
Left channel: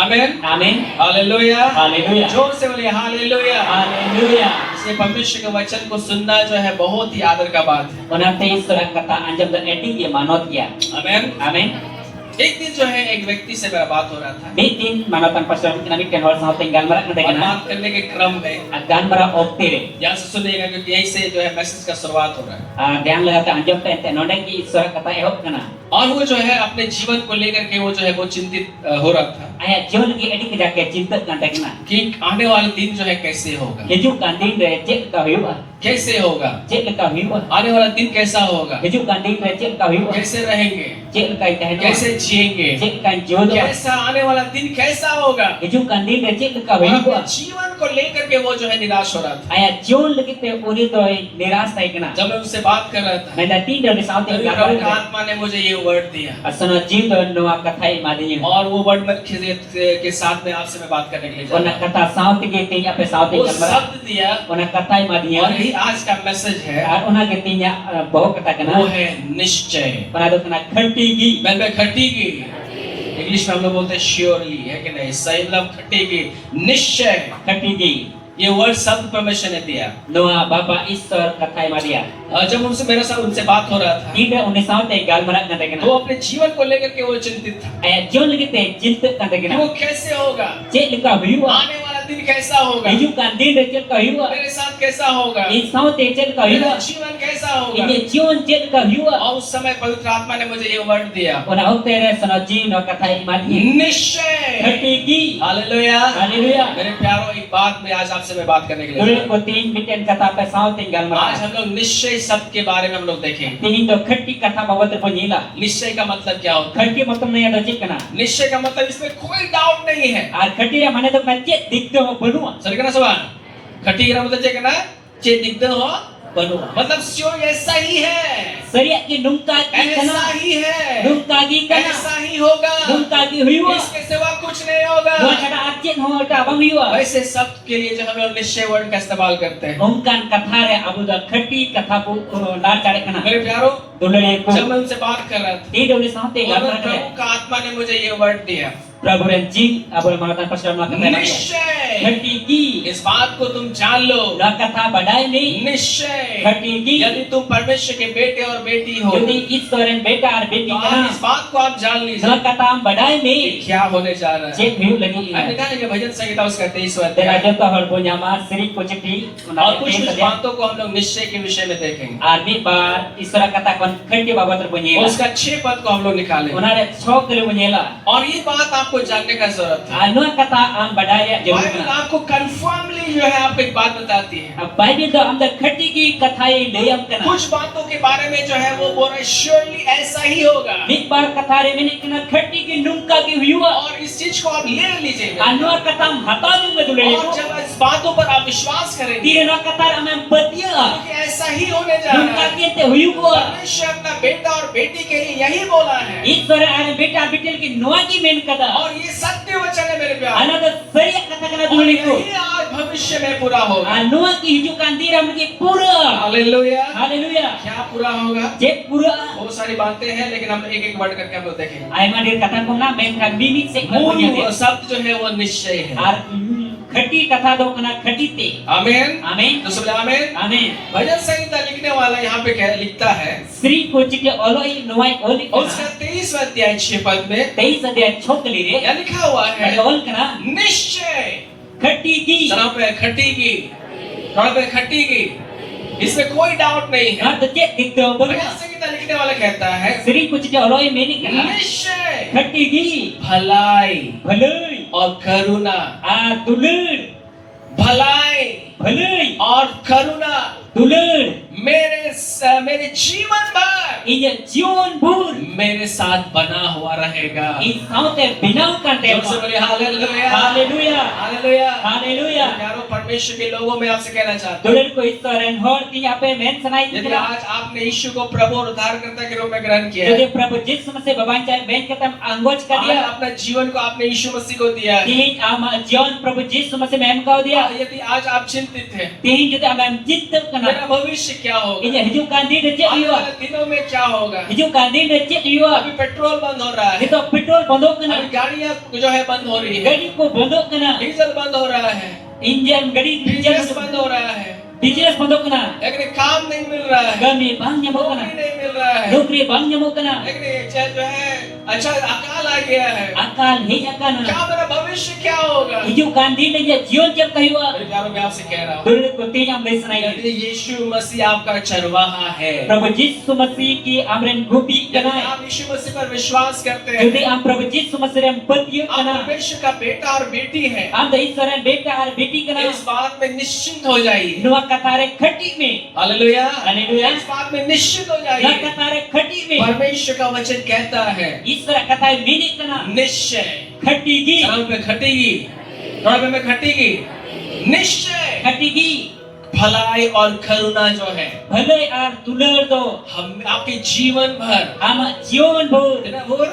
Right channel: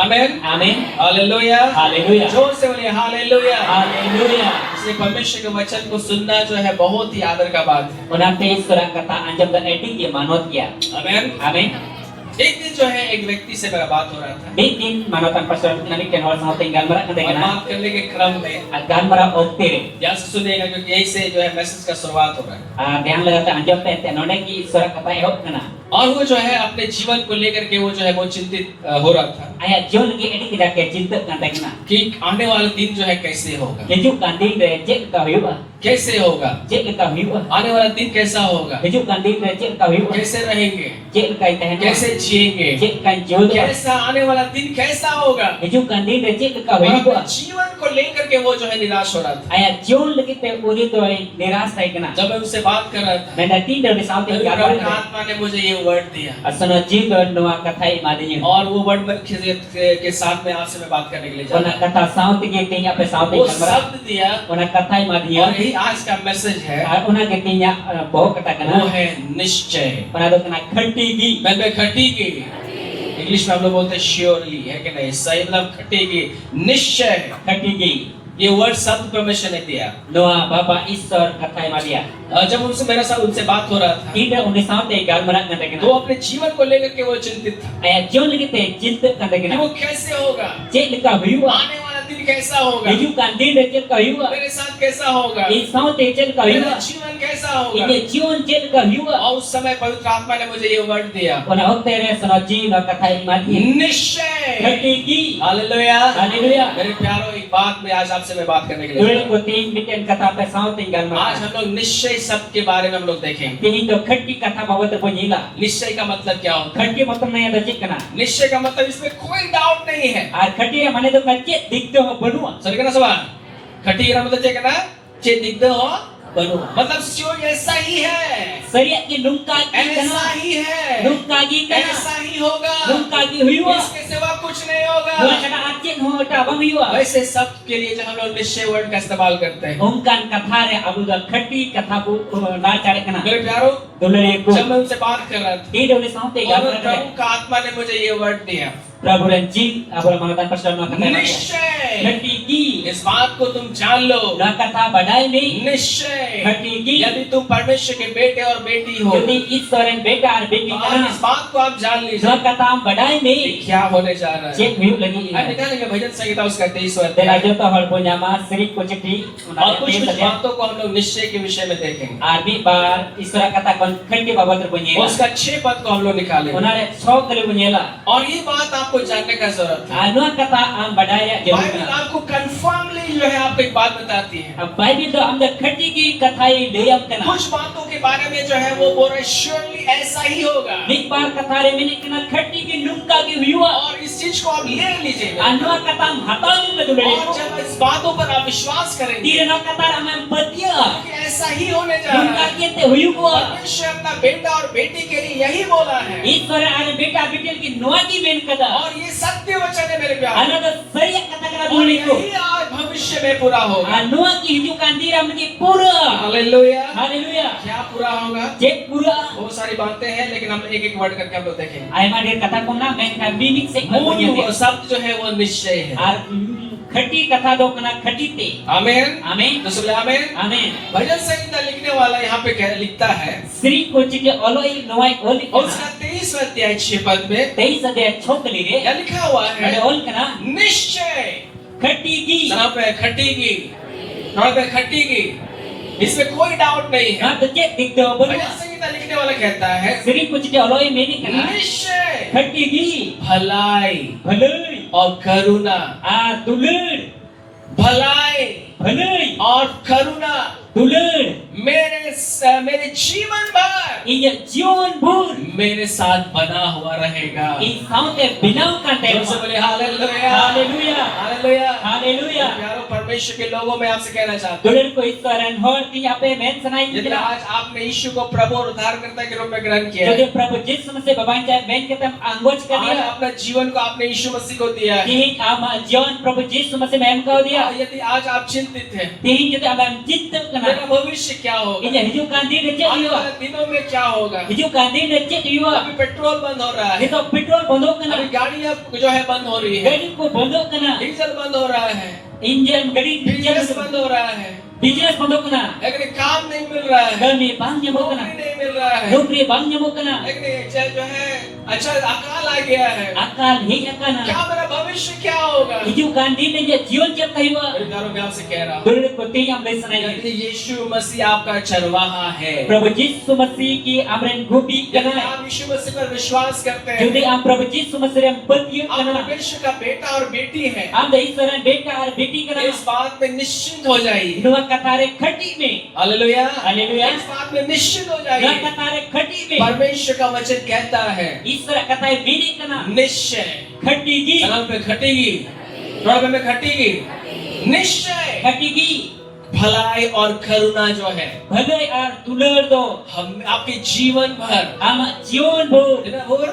आमीन। Amin. हालेलुया। Haleluya. जोर से बोलिए हालेलुया। Haleluya. इसलिए परमेश्वर के वचन को सुनना जो है बहुत ही आदर का बात है। Ona te isora kata anjom dan edik ya manot ya. आमीन। Amin. एक दिन जो है एक व्यक्ति से मेरा बात हो रहा था Bitin manotan pastor nami ken hol sa tinggal marak kata और kana. बात करने के क्रम में Agan mara okte. यहाँ से सुनिएगा क्योंकि यही से जो है मैसेज का शुरुआत हो रहा है। Yang lagata anjom pe te nonde ki isora kata ehok kana. और वो जो है अपने जीवन को लेकर के वो जो है वो चिंतित हो रहा था Aya jon ki edik kita ke cinta kan kana. कि आने वाला दिन जो है कैसे होगा, Hijau kandil re cek ka hiu. कैसे होगा, Cek ka hiu. आने वाला दिन कैसा होगा, Hijau kandil re cek ka hiu. कैसे रहेंगे, Cek ka itahen. कैसे जिएंगे, Cek kan jodoh. कैसा आने वाला दिन कैसा होगा। Hijau kandil re cek ka और hiu. अपने जीवन को लेकर के वो जो है निराश हो रहा था। Aya jon lagi te uni to niras tai kana. जब मैं उससे बात कर रहा था Menda tindak di saut तभी tinggal प्रभु का marak. आत्मा ने मुझे ये वर्ड दिया Asana jido nuwa katai madinya. और वो वर्ड के साथ में आपसे मैं बात करने के लिए जा Ona रहा kata saut ke tinya pe saut हूँ। वो tinggal marak. शब्द दिया Ona katai और madinya. यही आज का मैसेज है, Ar ona ke tinya bawa kata वो kana. है निश्चय। Ona do kana khati मैं खटेगी, इंग्लिश में हम लोग बोलते हैं श्योरली, है कि नहीं? सही मतलब खटेगी, निश्चय। gi. ये वर्ड शब्द परमेश्वर ने दिया। Doa bapa isor katai madia. और जब उनसे बात हो रहा था Tidak uni saut tinggal marak kata तो kana. वो अपने जीवन को लेकर के वो चिंतित था Aya jon lagi te cinta kata कि kana. वो कैसे होगा, Cek leka hiu. आने वाला दिन कैसा होगा, Hijau kandil re cek ka hiu. मेरे साथ कैसा होगा, I saut te cek ka hiu. मेरा जीवन कैसा होगा। Ini jon cek ka hiu. और उस समय पवित्र आत्मा ने मुझे ये वर्ड दिया, Ona okte re sana jido katai madia. निश्चय। gi. हालेलुया। Haleluya. मेरे प्यारों, एक बात में आज आपसे मैं बात करने के लिए Dulu ko tin bikin kata pe saut tinggal आज marak. हम लोग निश्चय शब्द के baरे में हम लोग देखेंगे। Tingin do khati kata bawa terbunyi lah. निश्चय का मतलब क्या होता है? Khati matam na ada cek kana. निश्चय का मतलब इसमें कोई डाउट नहीं है। Ar khati re mane do ka cek dikdo ho benua. Sir कहना सवाल खटी का मतलब क्या कहना चे दिग्ध हो Penuh. मतलब स्योर ऐसा ही है, Seriak ki nungkagi ऐसा kana. ही है, Nungkagi kana. ऐसा ही होगा, Nungkagi huyua. इसके सिवा कुछ नहीं होगा। Dua kata acit ho ta bang huyua. वैसे शब्द के लिए जो हम लोग निश्चय वर्ड का इस्तेमाल करते हैं। Ungkan kata re abu da khati kata ku nar cari kana. मेरे प्यारों, Dulu ku. जब मैं उनसे बात कर रहा था, Ti dulu sampai और gambar प्रभु का आत्मा ने मुझे ये वर्ड दिया, Prabu Renjing abu mengatakan pasal mengatakan निश्चय khati ki. इस बात को तुम जान लो, Dua kata badai ni. निश्चय khati ki. यदि तुम परमेश्वर के बेटे और बेटी हो, Jadi Israel beda ar beti तो kana. आज इस बात को आप जान लीजिए Dua kata am badai कि ni. क्या होने जा रहा है। Cik huyuk lagi. आज निकालेंगे भजन संहिता उसका 23 Dan अध्याय, aja to hal punya mas Sri Kuciti. और कुछ कुछ बातों को हम लोग निश्चय के विषय में देखेंगे। Arbi bar Israel katakan khati baba terbunyi. और उसका 6 पद को हम लोग निकालेंगे, Unare chok kali bunyela. और ये बात आपको जानने का जरूरत है। Anu kata am badaya Bible jauh. आपको कंफर्मली जो है आपको एक बात बताती है। Bible to am da khati ki kathai leyam kana. कुछ बातों के बारे में जो है वो बोल रहे श्योरली ऐसा ही होगा, Nik bar kathare mini kana khati ki nungka ki huyua. और इस चीज को आप ले लीजिएगा, Anu kata am hata jung me dulu. और जब इस बातों पर आप विश्वास करेंगे Tira na kata am betia. कि ऐसा ही होने जा रहा Nungka है। ki te huyua. परमेश्वर अपना बेटा और बेटी के लिए यही बोला है, Israel are beta bitil ki noa ki men kada. और ये सत्य वचन है मेरे प्यारे, Anu da seriak kata kana और dulu ko. यही आज भविष्य में पूरा होगा। Anu ki hijukan dira mungkin pura. Hallelujah. Haleluya. क्या पूरा होगा? Cek pura. बहुत सारी बातें हैं, लेकिन हम लोग एक एक वर्ड करके हम लोग देखेंगे। Aiman dir kata ko na men kan mimik se ko मूल punya. शब्द जो है वो निश्चय है। Ar khati kata do kana khati te. आमीन। Amin. तो सब आमीन। Amin. भजन संहिता लिखने वाला यहाँ पे क्या लिखता है, Sri Kuciti oloi noai oli. और उसका 23 अध्याय 6 पद में Tei sadya chokli re. क्या लिखा हुआ है, Ada ol kana निश्चय khati ki. सना पे खट्टी की, थोड़ा पे खट्टी की, इसमें कोई डाउट नहीं है। Na to cek dikto bhajan boleh. संहिता लिखने वाला कहता है Sri Kuciti oloi meni kana निश्चय khati ki. भलाई Bhalai. और करुणा, Dulur. भलाई Bhalai. और करुणा Dulur. मेरे जीवन भर Iya jion bur. मेरे साथ बना हुआ रहेगा। I saute binau kan जोर से dewa. बोलिए हालेलुया, Haleluya. हालेलुया। Haleluya. प्यारों परमेश्वर के लोगों में आपसे कहना चाहता हूँ, Dulur ko Israel hor ti ape men sanai यदि kita. आज आपने यीशु को प्रभु और उद्धारकर्ता के रूप में ग्रहण किया Jadi है, Prabhu Yesus Masih babanca ben ketam anggoj ka आज dia. अपना जीवन को आपने यीशु मसीह को दिया है, Tihin ama John Prabhu Yesus Masih mem kau dia. और यदि आज आप चिंतित हैं Tihin jadi amam cinta मेरा kana. भविष्य क्या होगा, Inya hijukan dia de cek आने dia. वाले दिनों में क्या होगा, Hijukan dia de cek dia. अभी पेट्रोल बंद हो रहा है, Itu petrol bondok अभी kana. गाड़ियां जो है बंद हो रही है, Gadi ko bondok kana. Diesel बंद हो रहा है, Injil gadi बिजनेस injil बंद हो रहा है, Bijinas bondok kana. लेकिन काम नहीं मिल रहा है, Kami bang nyamuk नौकरी kana. नहीं मिल रहा है, Nukri bang nyamuk kana. लेकिन ये जो है अच्छा अकाल आ गया है, Akal hiya kana. क्या मेरा भविष्य क्या होगा। Hijukan dia de jion cek kayua. मेरे प्यारों में आपसे कह रहा हूँ, Dulur ko ti am sanai. यदि यीशु मसीह आपका चरवाहा है, Prabhu Yesus Masih ki amren gubi यदि kana. आप यीशु मसीह पर विश्वास करते Jadi हैं, am Prabhu Yesus Masih rem betia आप kana. परमेश्वर का बेटा और बेटी है, Am da Israel beta ar beti kana. इस बात में निश्चिंत हो जाइए। Nuwa katare khati me. Hallelujah, hallelujah. इस बात में निश्चित हो Na जाइए। katare khati me. परमेश्वर का वचन कहता है Israel katare mini kana. निश्चय, Khati gi. सलाम पे खटेगी, थोड़ा पे में खटेगी, निश्चय Khati gi. भलाई और करुणा जो है Bhalai ar tular do. हम आपके जीवन भर, Ama jion bur. है ना भोर,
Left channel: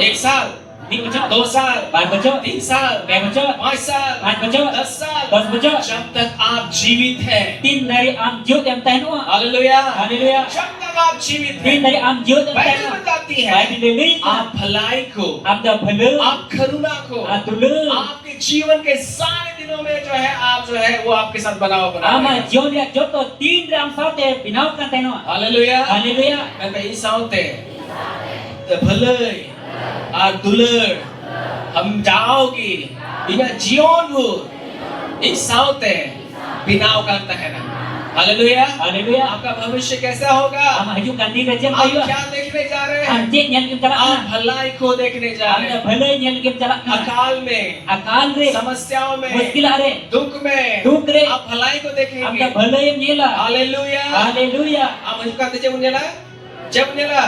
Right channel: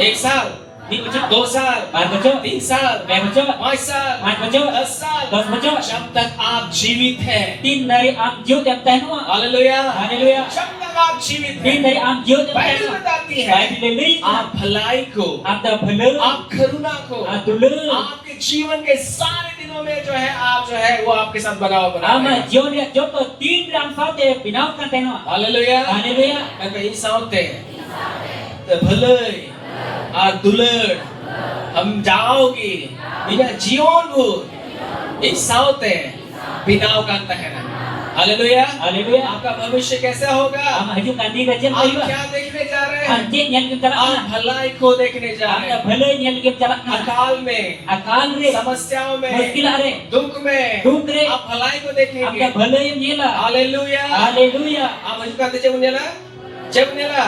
1 साल, Di bocor. 2 साल, Bar bocor. 3 साल, Kai bocor. 5 साल, 5 bocor. 10 साल, 10 bocor. जब तक आप जीवित हैं। Tin dari am jiot yang tahu. Hallelujah, Haleluya. जब तक आप जीवित Tin हैं, dari am jiot yang Bible tahu. बताती है Baik dilei. आप भलाई को, Am da bhalai. आप करुणा को, Am tular. आपके जीवन के सारे दिनों में जो है आप जो है वो आपके साथ बना हुआ बना Ama रहेगा। jion dia joto tin ram saute binau kan tahu. Hallelujah, Haleluya. मैं कहीं साउते भले और दुलर हम जाओगी बिना जीवन हो इस साउते बिनाव करता है ना। Hallelujah, Haleluya. आपका भविष्य कैसा होगा, Ama haju kan dia jem आप kayu. क्या देखने जा रहे हैं, Am cek yang kita आप lakukan. भलाई को देखने जा Am रहे da हैं, bhalai yang kita lakukan. अकाल में, Akal re. समस्याओं में, Muskil are. दुख में दुख रे. आप भलाई को Am देखेंगे। da bhalai yang nyela. Hallelujah, Haleluya. आप मुझे कहते जब नेला, जब नेला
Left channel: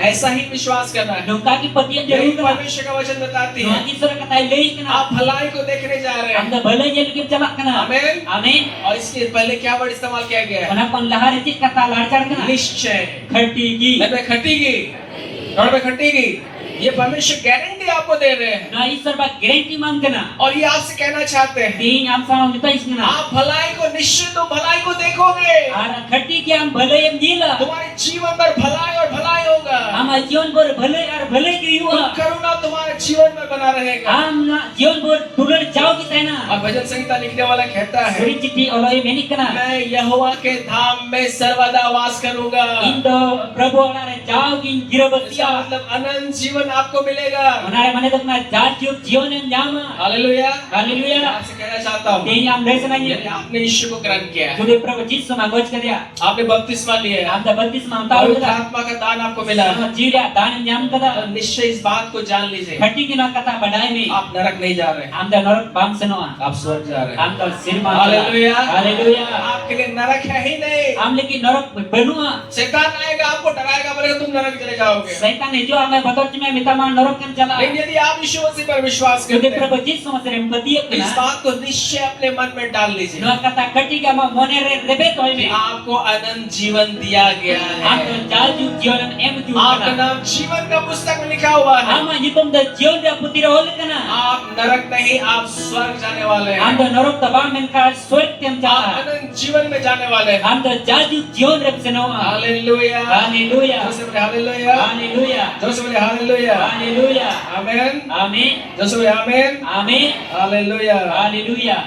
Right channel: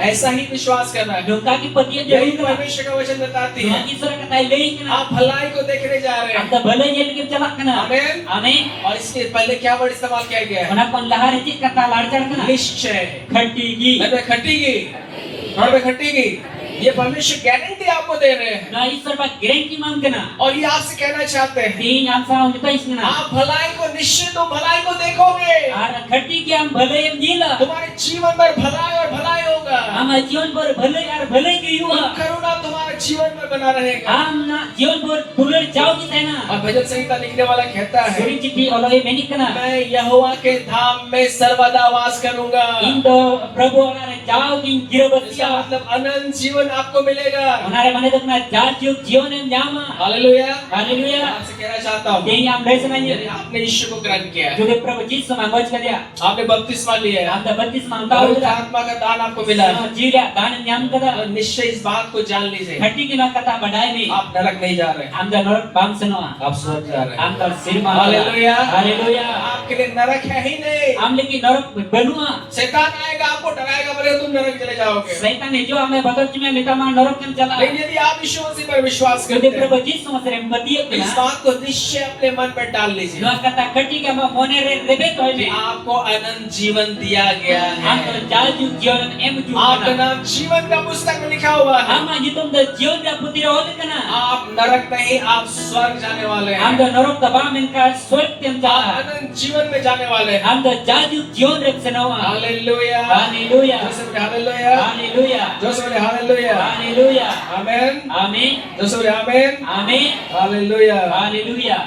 ऐसा ही विश्वास करना है। nungka ki patian यही jauh kana परमेश्वर का वचन बताती nungka है। ki sura kata lei kana आप भलाई को देखने जा रहे हैं। anda balai ye lagi chalak kana आमीन। amin और इसके पहले क्या वर्ड इस्तेमाल किया गया है? ona kon lahar ji kata ladkar kana निश्चय। khatigi घर में खटेगी, घर में खटेगी। ये परमेश्वर गारंटी आपको दे रहे हैं। na isar ba guarantee mam kana और ये आपसे कहना चाहते हैं, tin am sa mita isna आप भलाई को निश्चय तो भलाई को देखोगे। ara khati ki am balai am jila तुम्हारे जीवन पर भलाई और भलाई होगा। ama jion bor balai ar balai ki yuwa करुणा तुम्हारे जीवन में बना रहेगा। am na jion bor dular jauh ki taina और भजन संहिता लिखने वाला कहता है, suri chithi oloi menik kana मैं यहोवा के धाम में सर्वदा वास करूंगा। indo prabhu olare jauh ki इसका girabasia मतलब अनंत जीवन आपको मिलेगा। onare mane dokna jarjuk jion em nyama hallelujah. haleluya आपसे कहना चाहता हूँ, tin am desna यदि ni आपने यीशु को ग्रहण किया है, jodi prabhu jisu mangoj karya आपने बपतिस्मा लिया है, am da baptis mang पवित्र tahu kada आत्मा का दान आपको मिला है, jiria dan nyam kada और निश्चय इस बात को जान लीजिए, khati ki na kata badai me आप नरक नहीं जा रहे हैं, am da norok bang sanoa आप स्वर्ग जा रहे हैं। am da sir mang hallelujah. haleluya आपके लिए नरक है ही नहीं। am leki norok benua शैतान आएगा, आपको डराएगा, बोलेगा तुम नरक चले जाओगे। Satan itu ame bator cuma minta man norok kan chala. लेकिन यदि आप यीशु मसीह पर विश्वास Jadi करते हैं, prabhu Yesus masih empati इस kena. बात को निश्चय अपने मन में डाल लीजिए, Dua kata ketika mau monere rebe toy कि me. आपको अनंत जीवन दिया गया Am to है। jalju jion em ju आपका kana. नाम जीवन का पुस्तक में लिखा हुआ है। Ama jitom da jion da putira hol kana. आप नरक नहीं, आप स्वर्ग जाने वाले हैं। Am da norok taba men ka swarg tem आप chala. अनंत जीवन में जाने वाले हैं। Am da jalju jion rep senawa. Hallelujah. Haleluya. जोर से बोले हालेलुया। Haleluya. जोर से बोले हालेलुया। Haleluya. आमीन। Amin. जोर से बोले आमीन। Amin. हालेलुया। Haleluya.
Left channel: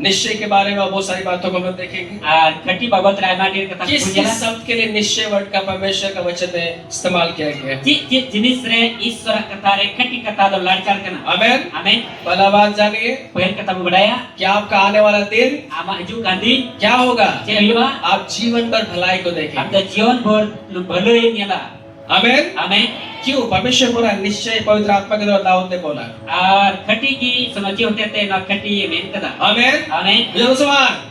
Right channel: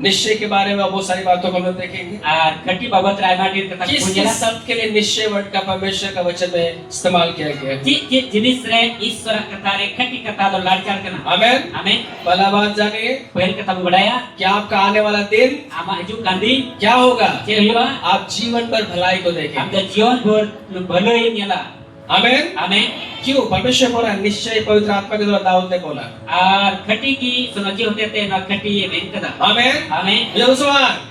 निश्चय के बारे में बहुत सारी बातों को हम लोग देखेंगे। Khati babat rai madir kata किस punya. किस शब्द के लिए निश्चय वर्ड का परमेश्वर का वचन में इस्तेमाल किया गया है। Cik jenis re isora kata re khati kata do lancar kena. आमीन। Amin. पहला बात जानिए Poin kata budaya कि आपका आने वाला दिन ama aju kandi क्या होगा। ceriwa आप जीवन पर भलाई को देखेंगे। amda jion bor baloi nyala. आमीन। Amin. क्यों परमेश्वर बोला निश्चय पवित्र आत्मा के द्वारा दाऊद ने बोला। Ar khati ki sonoji hote te na khati men kada. आमीन। Amin. मुसलमान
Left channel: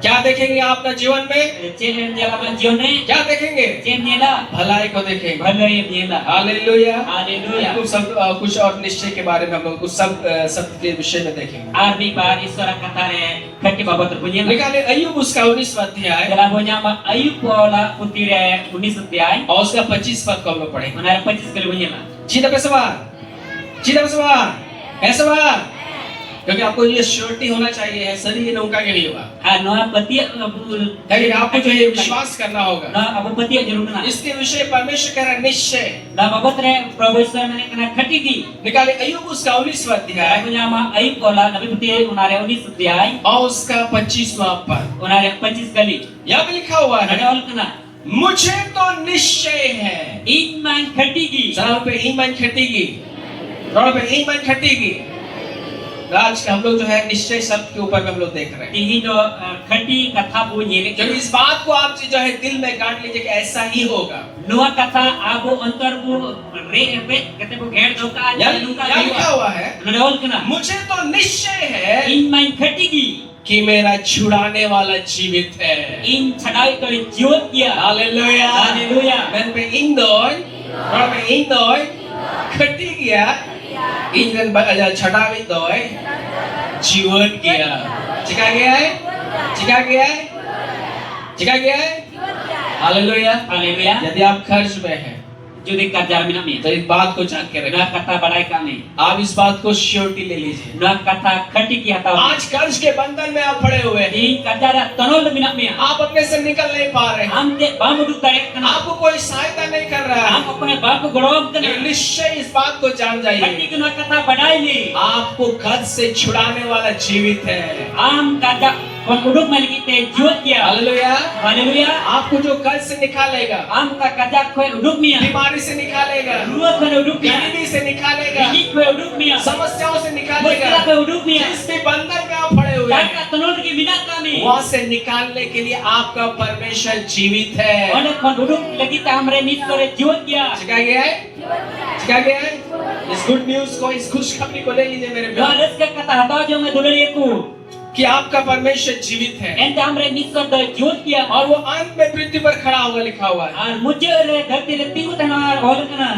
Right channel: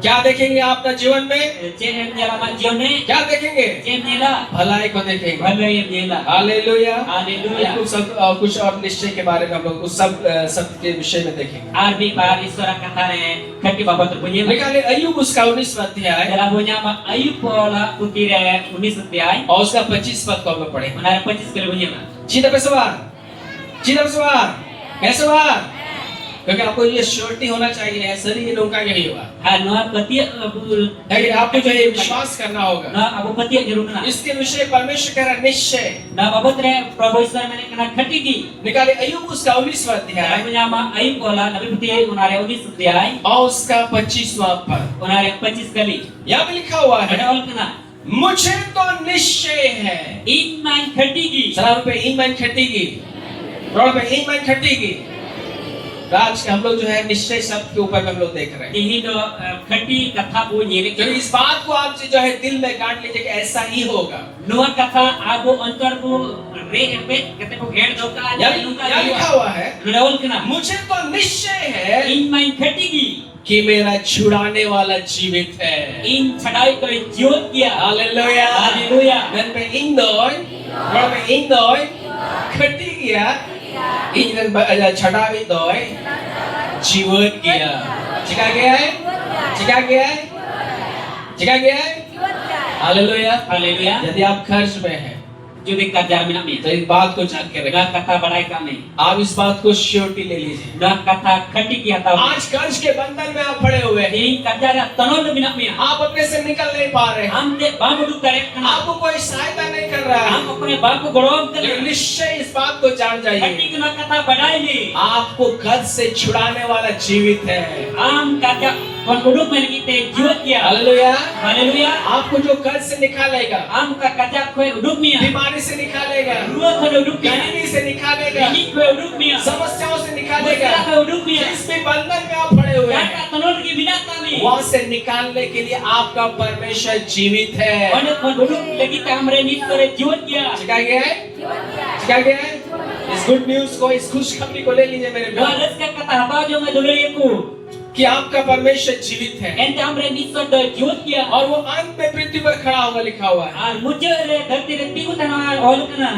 क्या देखेंगे आप अपने जीवन में? Chen nyala ma jion ne क्या देखेंगे? chen nyala भलाई को देखेंगे। baloi nyala. हालेलुया। Haleluya. कुछ और निश्चय के बारे में हम लोग कुछ सब के विषय में देखेंगे। Ar bi par isora kata re khati babat punya. निकाले अय्यूब उसका 19वां अध्याय Dalam punya ma ayub pola putire 19 अध्याय और उसका 25 पद को हम लोग पढ़ेंगे। Menarik 25 kali punya ma. चिन्ह पे सवार, चिन्ह पे सवार, है सवार, क्योंकि आपको ये श्योरिटी होना चाहिए है सर ये उनका यही होगा। Ha noa petiak ngabul. लेकिन आपको जो है विश्वास करना होगा। Na abu petiak jeruk kena. इसके विषय परमेश्वर कह रहा है निश्चय। Na babat re Prabhu Iswar mene kena khati ki. निकाले अय्यूब उसका 19वां Dalam अध्याय punya ma ayub pola nabi putih unare 19 अध्याय और उसका 25वां पद। unare 25 kali. यहाँ पे लिखा हुआ है Ada ol kena. मुझे तो निश्चय है। Iman khati ki. सलाम पे ईमान खटेगी, रोड पे ईमान खटेगी। आज हम लोग जो है निश्चय शब्द के ऊपर में हम लोग देख रहे हैं। Ihindo khati katha bu nyene क्योंकि इस बात को आप जो है दिल में गांठ लीजिए कि ऐसा ही होगा। Noa kata abu antar bu re repet kata bu gher doka यहाँ aja nuka यहाँ लिखा हुआ है Ada ol kena. मुझे तो निश्चय है Iman khati ki. कि मेरा छुड़ाने वाला जीवित है। In chadai to jiot kia. Hallelujah. Haleluya. मैं पे इंदोय, रोड पे इंदोय खटी गया, इंजन छड़ा भी दोय जीवित गया। चिका गया है, चिका गया है, चिका गया है। हालेलुया। Haleluya. यदि आप खर्च में हैं Judi kerja minamnya. तो इस बात को जान के रखें। Noa kata badai kami. आप इस बात को श्योरिटी ले लीजिए। Noa kata khati ki atau. आज कर्ज के बंधन में आप पड़े हुए हैं, In kerja ra tanol minamnya. आप अपने से निकल नहीं पा रहे हैं, Amde bamu duk tarik kena. आपको कोई सहायता नहीं कर रहा है। Am apne bapu golom लेकिन kena. निश्चय इस बात को जान Khati जाइए, ki noa kata badai ni. आपको कर्ज से छुड़ाने वाला जीवित है। Am kerja kon uduk mali kita jiot kia. Hallelujah. Haleluya. आपको जो कर्ज से निकालेगा, Am ka kerja koi uduk mia. बीमारी से निकालेगा, Ruah koi uduk mia. गरीबी से निकालेगा, Ini koi uduk mia. समस्याओं से निकालेगा, Masalah koi uduk mia. जिस भी बंधन में आप पड़े हुए हैं Kata tanol ki binat kami. वहां से निकालने के लिए आपका परमेश्वर जीवित है। Mana kon uduk lagi ta hamre ni sore jiot kia. चिका गया है, चिका गया है। इस गुड न्यूज को, इस खुशखबरी को ले लीजिए मेरे Doa प्यारे। res ka kata apa jo me dulur aku. कि आपका परमेश्वर जीवित है ente amren Isor do jut kia और वो अंत में पृथ्वी पर खड़ा होगा लिखा हुआ है। ar mujur re dhati re tiku tanah ol kana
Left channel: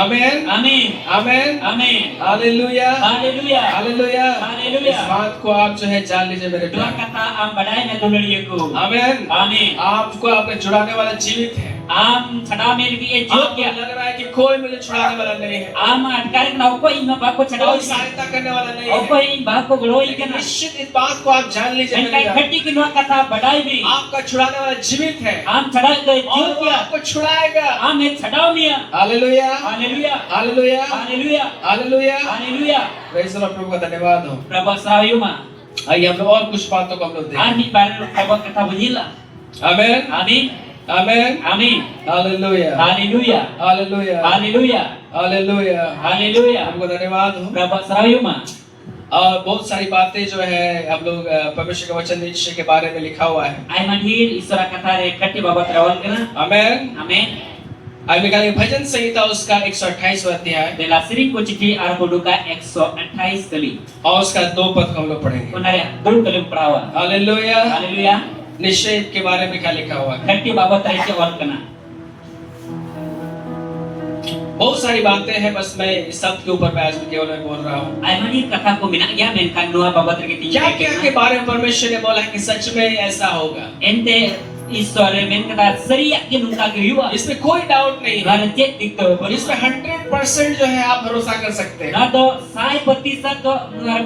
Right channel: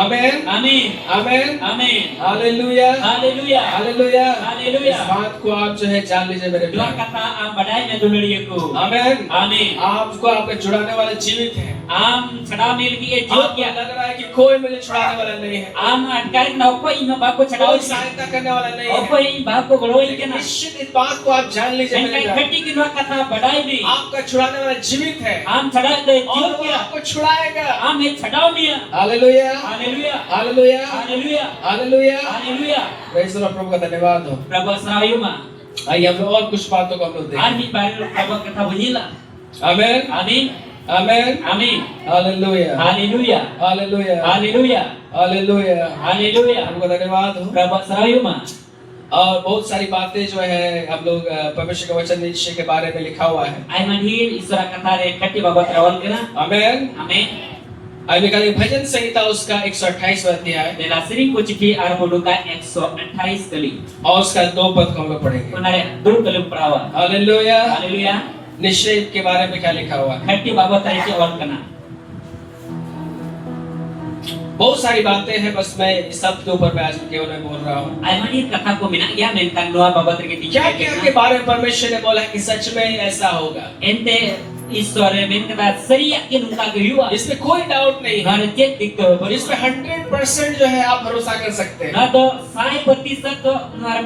आमेन amin आमेन amin hallelujah haleluya hallelujah. haleluya इस बात को आप जो है जान लीजिए मेरे dua प्यारे। kata am badai me duluriyaku amen amin आपको आपका छुड़ाने वाला जीवित है। am chada me lagi e jut आपको kia लग रहा है कि कोई मुझे छुड़ाने वाला नहीं है, am atkar kana okko ino bako chada कोई सहायता करने वाला नहीं okko है, in bako goloi लेकिन kana निश्चित इस बात को आप जान लीजिए मेरे enkai प्यारे। khati ki dua kata badai bi आपका छुड़ाने वाला जीवित है am chada do और jut वो kia आपको छुड़ाएगा। am e chada mia hallelujah haleluya hallelujah haleluya hallelujah. haleluya praise the Lord, प्रभु का धन्यवाद हो। prabhu sayuma आइए हम लोग और कुछ बातों को हम लोग ar देखें। mi bar prabhu kata bunyilah आमेन amin आमेन amin hallelujah haleluya hallelujah haleluya hallelujah. haleluya प्रभु का धन्यवाद हो। prabhu sayuma और बहुत सारी बातें जो है हम लोग परमेश्वर के वचन निश्चय के बारे में लिखा हुआ है। ai manhir isora kata re khati babat rawal kana आमेन। amin आइए निकालें भजन संहिता उसका 128 अध्याय bela sering ko citi ar boduka 128 kali और उसका 2 पद को हम लोग पढ़ेंगे। kunare dulu kali perawa hallelujah. haleluya निश्चय के बारे में क्या लिखा हुआ है? khati babat ari ce ol kana बहुत सारी बातें हैं, बस मैं इस सब के ऊपर मैं आज केवल मैं बोल रहा हूँ। ai manhir kata ko mina ya men kan noa babat ri ke क्या क्या के बारे में परमेश्वर ने बोला है कि सच में ऐसा होगा, ente isore men kata saria ke nungka ke yuwa इसमें कोई डाउट नहीं है। har cek dikto और इसमें 100% जो है आप भरोसा कर सकते हैं। na do 100% to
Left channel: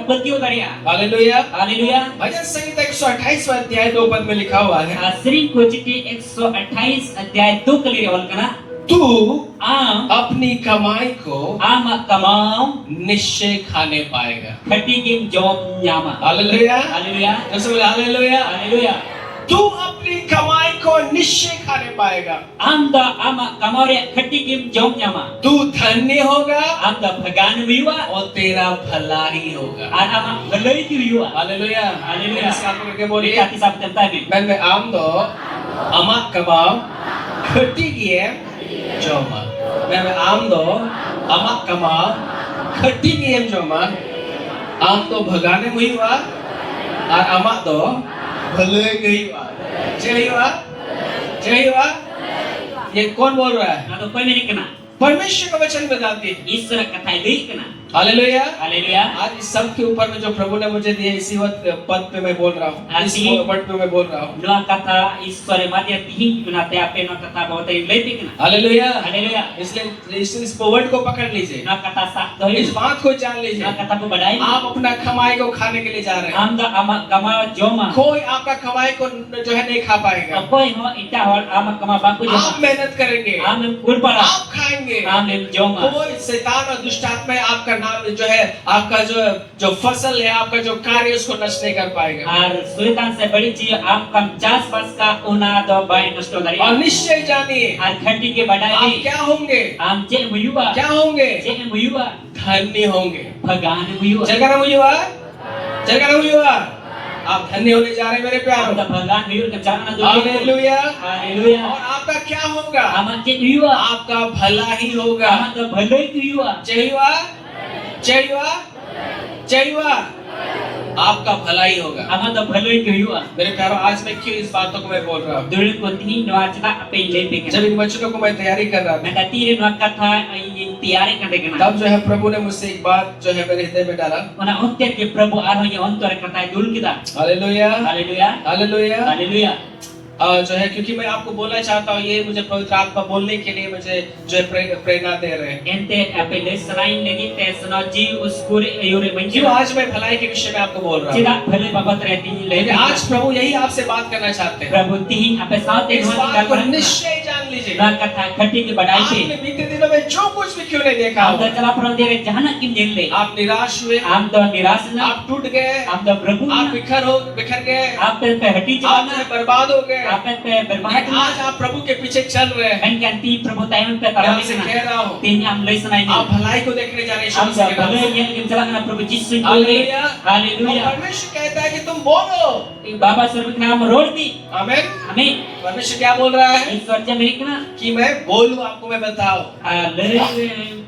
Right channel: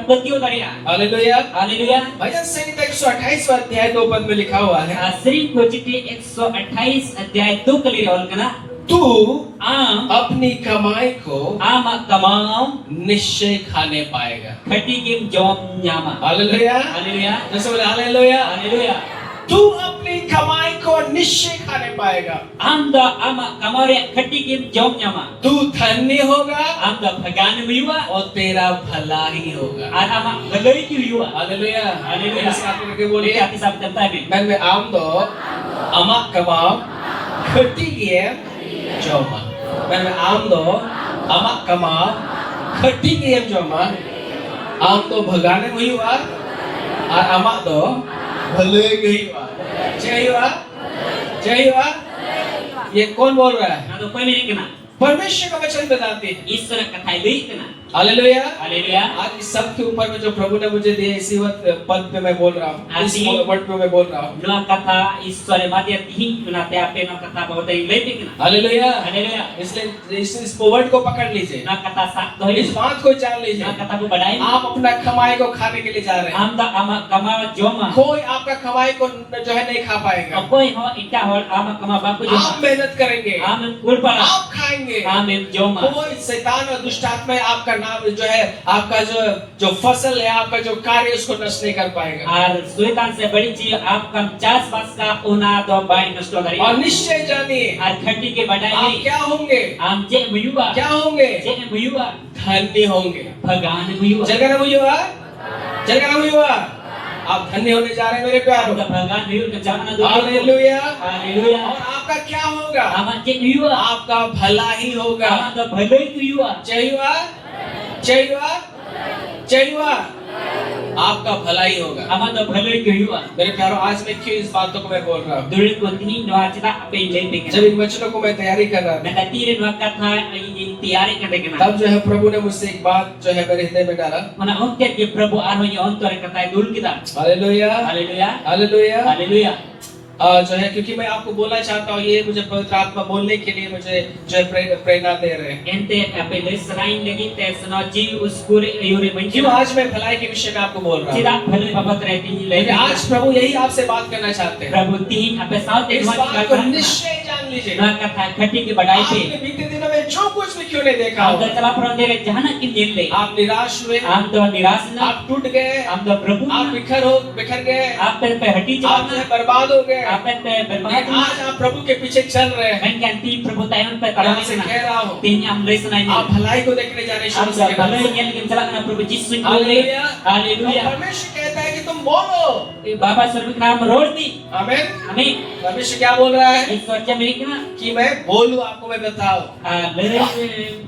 patio daria hallelujah. haleluya भजन संहिता 128 अध्याय 2 पद में लिखा हुआ है, sering ko citi 128 अध्याय 2 kali ol kana तू am अपनी कमाई को ama kamau निश्चय खाने पाएगा। khati kim jom nyama hallelujah. haleluya तो सब हालेलुया। haleluya तू अपनी कमाई को निश्चय खाने पाएगा। am da ama kamare khati kim jom nyama तू धन्य होगा am da bhagan yuwa और तेरा भला ही होगा। ar ama galoi ki yuwa hallelujah. Hallelujah. इसका आप करके बोलिए, Boleh kita sampai tadi. मैं आम दो अमा कमाओ खटी किए जोमा। मैं आम दो अमा कमाओ खटी किए जोमा। आम तो भगाने में हुआ और अमा तो भले ही हुआ। जय हुआ जय हुआ। ये कौन बोल रहा है? Na to koi meri kena. परमेश्वर का वचन बताती है। Isra katai deui kena. Hallelujah. Haleluya. आज इस सब के ऊपर में जो प्रभु ने मुझे दिया इसी वक्त पद पे मैं बोल रहा हूँ, इस आसी- वर्ड पे मैं बोल रहा हूँ। Dua kata isra madya tihing kena te ape na kata bahwa tai lepe kena. Hallelujah. Haleluya. इसलिए इस वर्ड को पकड़ लीजिए, Na kata sak doi. इस बात को जान Na लीजिए, kata ko badai. आप अपना कमाई को खाने के लिए जा रहे हैं। Am da ama kama joma. कोई आपका कमाई को जो है नहीं खा पाएगा। Koi ho ita hol ama kama baku आप joma. मेहनत करेंगे, Am kurpara. आप खाएंगे। Am joma. कोई शैतान और दुष्ट आत्मा आपका नाम जो है, आपका जो फसल है, आपका जो कार्य उसको नष्ट नहीं कर पाएगा। Ar sulitan se bari ji am kan jas bas ka una do bai nasto dari. और निश्चय जानिए Ar khati ke badai आप ni. क्या होंगे, Am je muyuba. क्या होंगे, Je muyuba. धन्य होंगे। Bhagan muyuba. चल कर मुझे चल कर मुझे आप धन्य होने जा रहे हैं मेरे प्यारो। Am da bhagan muyuba ke jangan do. Hallelujah. Haleluya. और आपका क्या होगा? Am je muyuba. आपका भला ही होगा। Am da bhaloi ki yuwa. जय हुआ जय हुआ जय हुआ। आपका भला ही होगा। Am da bhaloi ki yuwa. मेरे प्यारो, आज मैं क्यों इस बातों को मैं बोल रहा हूँ? Dulu ko tihing no acita ape lepe जब kena. इन वचनों को मैं तैयारी कर रहा था, Na tiri no kata yang tiare kena kena. तब जो है प्रभु ने मुझसे एक बात जो है मेरे हृदय में डाला। Mana onter ke Prabhu arho ye ontor kata dul kita. Hallelujah Haleluya. Hallelujah. Haleluya. जो है क्योंकि मैं आपको बोलना चाहता हूँ, ये मुझे पवित्र आत्मा बोलने के लिए मुझे जो है प्रेरणा दे रहे हैं। Ente ape le selain lagi te senoji uskuri ayure क्यों menjiwa. आज मैं भलाई के विषय में आपको बोल रहा हूँ? Tidak bhaloi babat reti क्योंकि lepe. आज प्रभु यही आपसे बात करना चाहते हैं। Prabhu tihing ape saute इस dua बात को kata. निश्चय जान लीजिए, Dua kata khati ke badai आपने pe. बीते दिनों में जो कुछ भी क्यों नहीं देखा Am होगा, da chala prondere jahana kim jelle. आप निराश हुए, Am da niras na. आप टूट गए, Am da Prabhu आप na. बिखर गए, Ape pe hati आप जो chala है बर्बाद हो गए। na. Ape pe लेकिन berbahat na. आज आप प्रभु के पीछे चल रहे हैं। Kan ganti Prabhu tayon pe मैं tarami आपसे na. कह रहा हूँ, Ting am le senai आप ni. भलाई को देखने जा रहे हैं Am यीशु da मसीह के नाम bhaloi से। yang kim chala na Prabhu Jisu ko le. Hallelujah. Haleluya. और परमेश्वर कहता है कि तुम बोलो। Baba Sarvik nam rodi. आमीन। Amin. परमेश्वर क्या बोल रहा है? ईश्वर जे मेरी कना कि मैं बोलूं, आपको मैं बताऊं। dari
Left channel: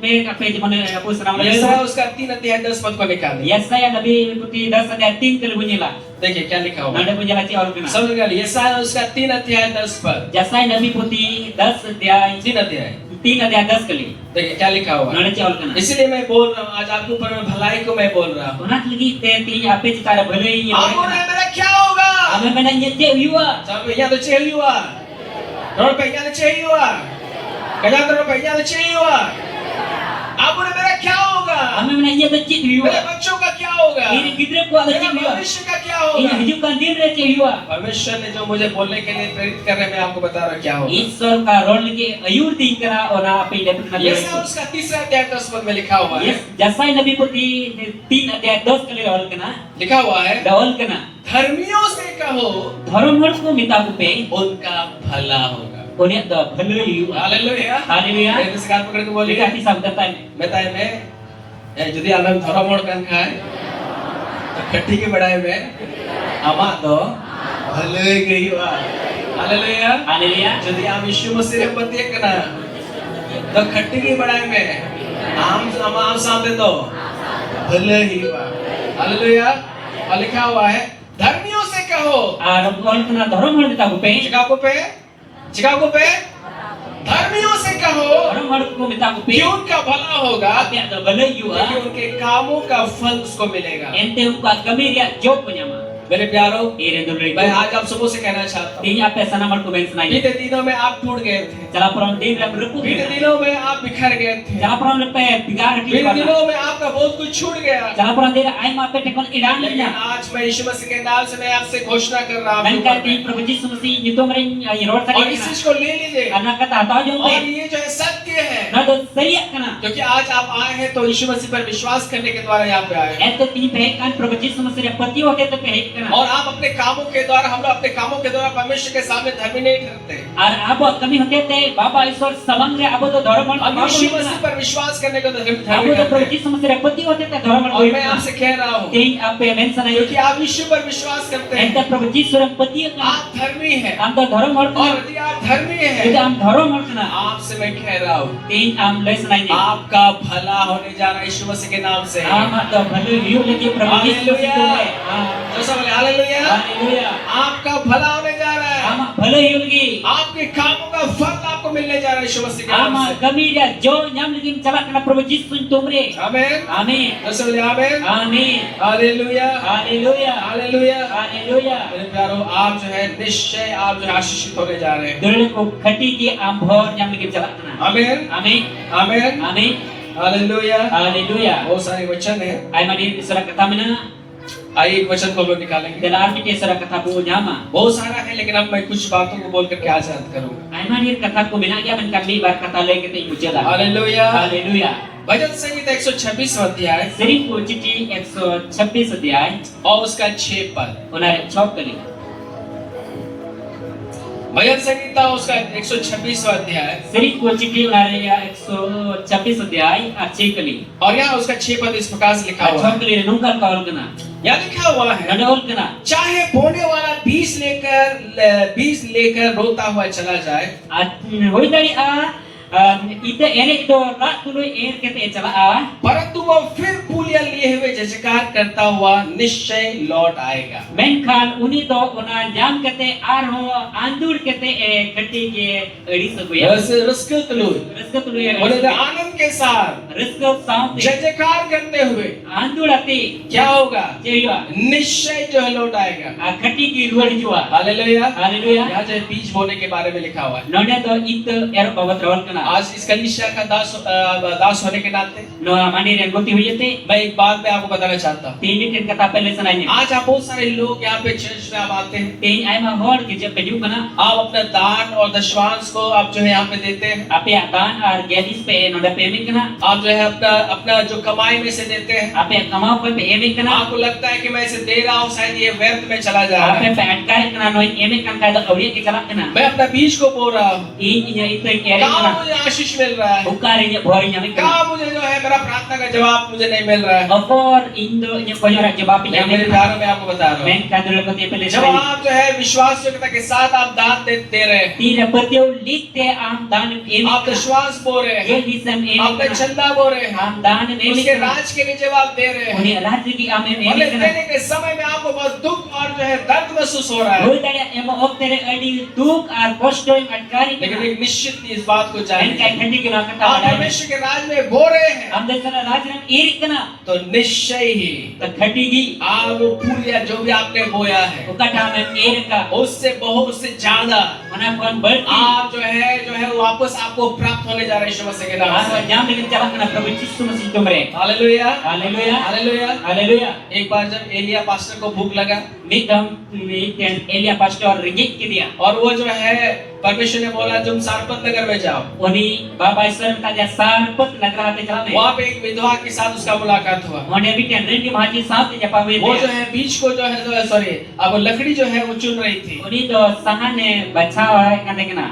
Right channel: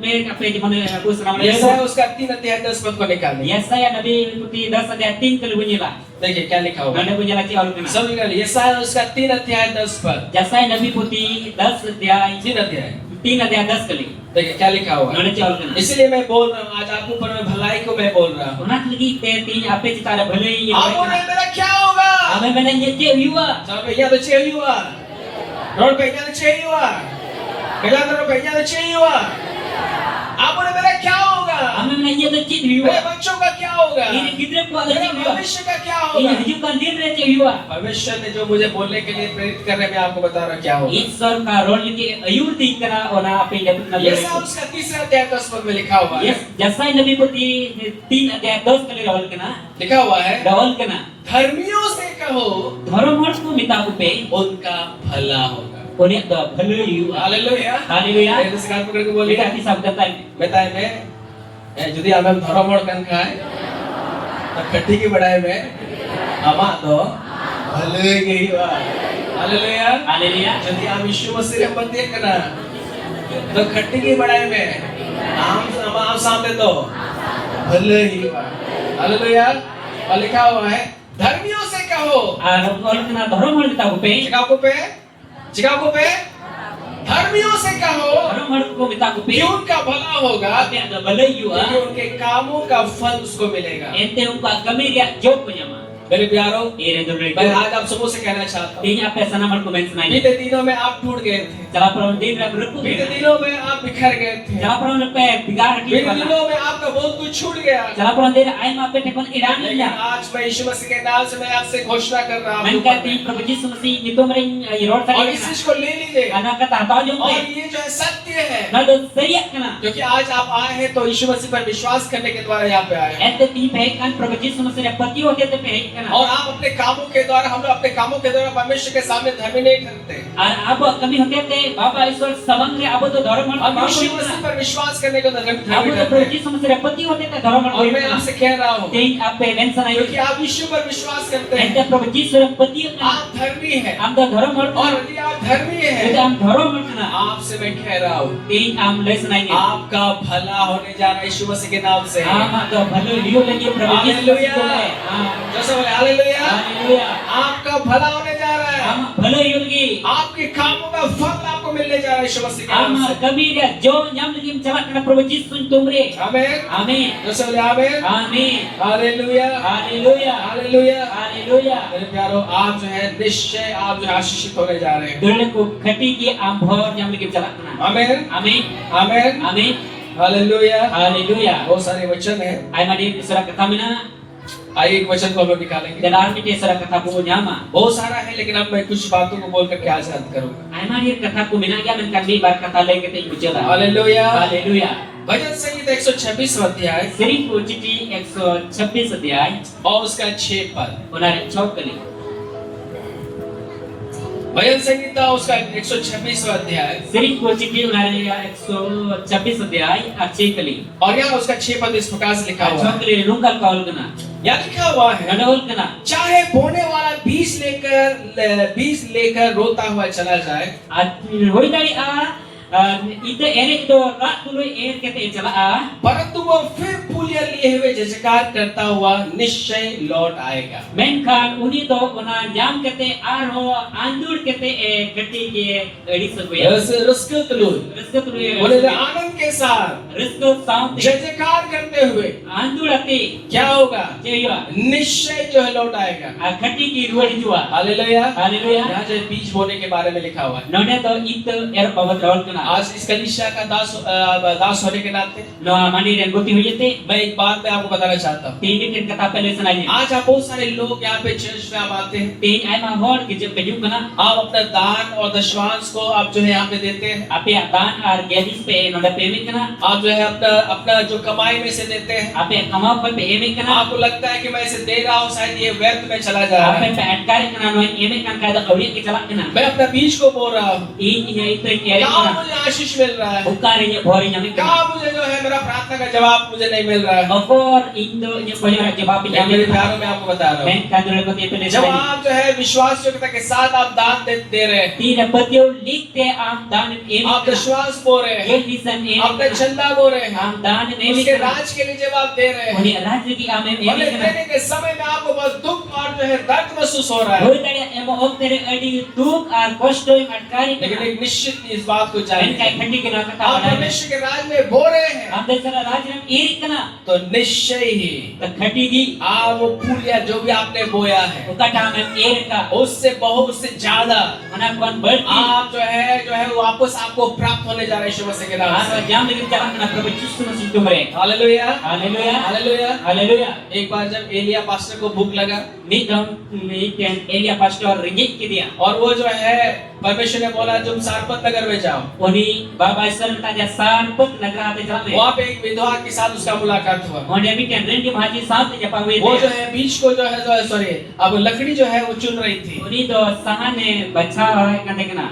मेरे का पेज मने aku senang यशायाह lagi. उसका 3 अध्याय 10 पद को निकालें। Yesaya Nabi ikuti 10 ayat 3 kali bunyilah. देखिए क्या लिखा हुआ है। Nada pun jalan ol kena. समझ गए यशायाह उसका 3 अध्याय 10 पर Jasai Nabi Putih 10 अध्याय 3 अध्याय 3 अध्याय 10 kali. देखिए क्या लिखा हुआ है। Nada ol kena. इसलिए मैं बोल रहा हूँ आज आपके ऊपर मैं भलाई को मैं बोल रहा हूँ। Unak lagi te ape cita ada bhalai आपको ya. मेरा क्या होगा? Ame menanya je viwa. सब यहाँ तो चाहिए हुआ रोड पे यहाँ तो चाहिए हुआ कहीं तो रोड पे यहाँ तो चाहिए हुआ आपको मेरा क्या होगा? Ame menanya je cit मेरे viwa. बच्चों का क्या होगा? Ini gidra ko ada मेरा cit viwa. भविष्य का क्या Ini होगा? hujudkan diri cit viwa. भविष्य ने जो मुझे बोलने के लिए प्रेरित कर रहे हैं मैं आपको बता रहा हूँ क्या होगा। ईश्वर का रोल के अयूर दिन करा और आप इन अपना यशायाह उसका 3 अध्याय 10 पद में लिखा हुआ है। Yes, Jasai Nabi Putih 3 अध्याय 10 kali roll kena. लिखा हुआ है Dawal kena. धर्मियों से कहो Dharam harus ko minta kupe. उनका भला होगा। Unik da bhalai viwa. Hallelujah. Haleluya. मेरे से हाथ पकड़ के बोलिए Kita kisah kata ini. बताए मैं যদি আমরা ধর্মমড় কান খায় তো खट्टी की बढ़ाए में आमा तो भले गई वा हालेलुया। Haleluya. যদি আমি यीशु मसीह रे पति कना तो खट्टी की बढ़ाए में आम सामने तो भले ही वा हालेलुया। और लिखा हुआ है धर्मियों से कहो Roll kena dharam harus minta kupe. Chicago पे धर्मियों से कहो Dharam harus ko minta कि kupe. उनका भला होगा Ape ada bhalai क्योंकि viwa. उनके कामों का फल उसको मिलेगा। Ente uka kami dia job punya ma. मेरे प्यारों Ere dulu मैं itu. आज आप सबों से कहना चाहता हूँ Ini apa sana harus ko mention बीते aja. दिनों में आप टूट गए थे Cara peron din dah berlaku. बीते दिनों में आप बिखर गए थे Cara peron lepe bigar di बीते mana. दिनों में आपका बहुत कुछ छूट गया Cara peron din ai ma pe tekon iran लेकिन nya. आज मैं यीशु मसीह के नाम से मैं आपसे घोषणा कर रहा हूँ Mereka di Prabhu Yesus mesti nyutung ring roll और tadi. इस चीज को ले लीजिए Anak kata tahu jom और pe. ये जो है सत्य है Nado seriak kena. क्योंकि आज आप आए हैं तो यीशु मसीह पर विश्वास करने के द्वारा यहाँ पे आए हैं Ente tini pehekan Prabhu Yesus mesti dapati waktu itu pehekan. और आप अपने कामों के द्वारा हम लोग अपने कामों के द्वारा परमेश्वर के सामने धर्मी नहीं ठहरते Ar abo kami hote te Bapa Ishwar sabang re abo to dharam हम harus यीशु मसीह पर विश्वास करने को धर्मी abo to ठहरते Prabhu हैं Yesus mesti dapati waktu itu dharam और मैं harus. आपसे कह रहा हूँ Ting ape mention aja. क्योंकि आप यीशु पर विश्वास करते हैं Ente Prabhu Yesus orang peti kena. आप धर्मी हैं Am to dharam harus. और यदि आप धर्मी Itu हैं am dharam harus kena. आपसे मैं कह रहा हूँ Ting am lesson aja. आपका भला होने जा रहा है यीशु मसीह के नाम से Ama to bhalu liu lagi Prabhu Yesus mesti hallelujah kena. जो सब हालेलुया Haleluya. आपका भला होने जा रहा है Ama bhalu liu lagi. आपके कामों का फल आपको मिलने जा रहा है यीशु मसीह के नाम Ama से kami dia jo nyam lagi mencalak kena Prabhu Yesus tumre. आमीन Amin. जो सब आमीन Amin. Hallelujah Haleluya. Hallelujah Haleluya. मेरे प्यारों आप जो है निश्चय आप जो है आशीषित होने जा रहे हैं Dulu ko khati ki am bhor nyam lagi mencalak kena. आमीन Amin. आमीन Amin. Hallelujah Haleluya. बहुत सारे वचन है Ay madi surah kata mina आइए एक वचन को हम लोग निकालेंगे dalam kita surah kata bu nyama. बहुत सारा है लेकिन अब मैं कुछ बातों को बोल करके आज याद करूंगा Ay madi kata ku mina ya men kami bar kata lay kita ujala. Hallelujah Haleluya. भजन संगीत 126 अध्याय Sering ku citi 126 अध्याय और उसका 6 पद unar 6 kali. भजन संगीता उसका 126 अध्याय Sering ku citi unar 126 अध्याय 6 kali. और यहाँ उसका 6 पद इस प्रकार से लिखा हुआ 6 है kali nungkal kaul kena. यहाँ लिखा हुआ है Ganol kena. चाहे बोने वाला बीज लेकर रोता हुआ चला जाए Hoy dari ite ene itu rak tulu kete chala परंतु वो फिर पुलिया लिए हुए जजकार करता हुआ निश्चय लौट आएगा Menkhan uni to una jam kete arho andur kete kati ke edi sabuya. रस्क तलु Rizka tulu ya. बोले तो आनंद के साथ Rizka saute. जजकार करते हुए Andur ati. क्या होगा Jaya. निश्चय जो है लौट आएगा Kati ki ruar jua. Hallelujah Haleluya. यहाँ जो बीज बोने के बारे में लिखा हुआ है None to itu bawa rawal kena. आज इस कलीसिया का दास होने के नाते No mani dan goti huyete. मैं एक बात मैं आपको बताना चाहता हूँ Tindi kin kata pele sananya. आज आप बहुत सारे लोग यहाँ पे चर्च में आप आते हैं Ting ai ma hor ke je peju kena. आप अपना दान और दशवांश को आप जो है यहाँ पे देते हैं Ape akan ar gadis pe node pemi kena. आप जो है अपना अपना जो कमाई में से देते हैं Ape kamau pe emi kena. आपको लगता है कि मैं इसे दे रहा हूँ शायद ये व्यर्थ में चला जा रहा Ape है pe atkar kena no emi kan kada awli ke chalak kena. मैं अपना बीज को बोल रहा हूँ Ini itu kere काम kena. मुझे मुझे आशीष मिल रहा है, ukarinya bori nyamik कहाँ मुझे जो है मेरा प्रार्थना का जवाब मुझे नहीं मिल रहा है। okor indo nya koyora jawab लेकिन मेरे nyamik प्यारों में आपको बता रहा हूँ, men kadul ko te pele जब आप जो है विश्वास योग्यता के साथ आप दान दे रहे हैं, tira patyo likte am dan आप विश्वास बो रहे हैं, ye lisan आप चंदा बो रहे हैं, am dan उसके राज के नीचे आप दे रहे हैं, oni raj ki am भले देने के समय में आपको बहुत दुख और जो है दर्द महसूस हो रहा है, hoy tadi emo oktere adi duk ar kosto yang atkari लेकिन एक निश्चित इस बात को men जानिए, kai khandi ke nak आप ta परमेश्वर के राज में बो रहे हैं am desara raj ram irik kana तो निश्चय ही ta khati gi आप वो पूरिया जो भी आपने बोया है ukata am irika उससे बहुत से ज्यादा mana kon berti आप जो है वापस आपको प्राप्त होने जा रहे हैं यीशु मसीह के नाम ar से। jam dengan jalan kana prabhu Yesus Masih tumre hallelujah haleluya hallelujah. haleluya एक बार जब एलिया पास्टर को भूख लगा midam miten Elia pastor ringgit ke dia और वो जो है परमेश्वर ने बोला तुम सारपत नगर में जाओ, oni baba isar tanya sarpat nagara te jale वहाँ पे एक विधवा के साथ उसका मुलाकात हुआ। oni miten ringgit maji saat te japawe वो जो है बीच को जो है सॉरी अब लकड़ी जो है वो चुन रही थी। oni do sahane bacha hoy kate kana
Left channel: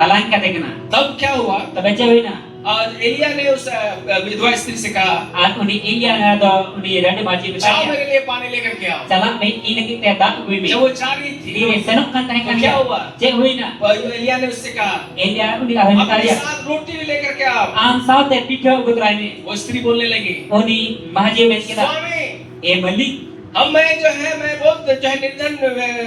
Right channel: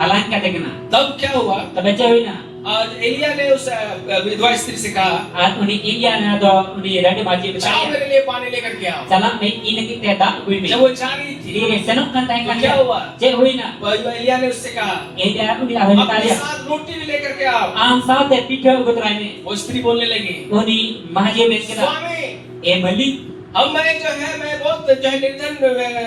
alan kate kana तब क्या हुआ, tabe chawina आज एलिया ने उस विधवा स्त्री से कहा ar oni Elia na do oni rade maji जाओ bacha मेरे लिए पानी लेकर के आओ। chala me ini kita dak kui me जब वो जा रही थी dire senok kan tai तो kan क्या हुआ, je huina एलिया ने उससे कहा Elia oni ahli अपने karya साथ रोटी लेकर के आओ। am saat te pikir gutrane वो स्त्री बोलने लगी oni maji me kina स्वामी e malik अब मैं जो है मैं बहुत जो है निर्धन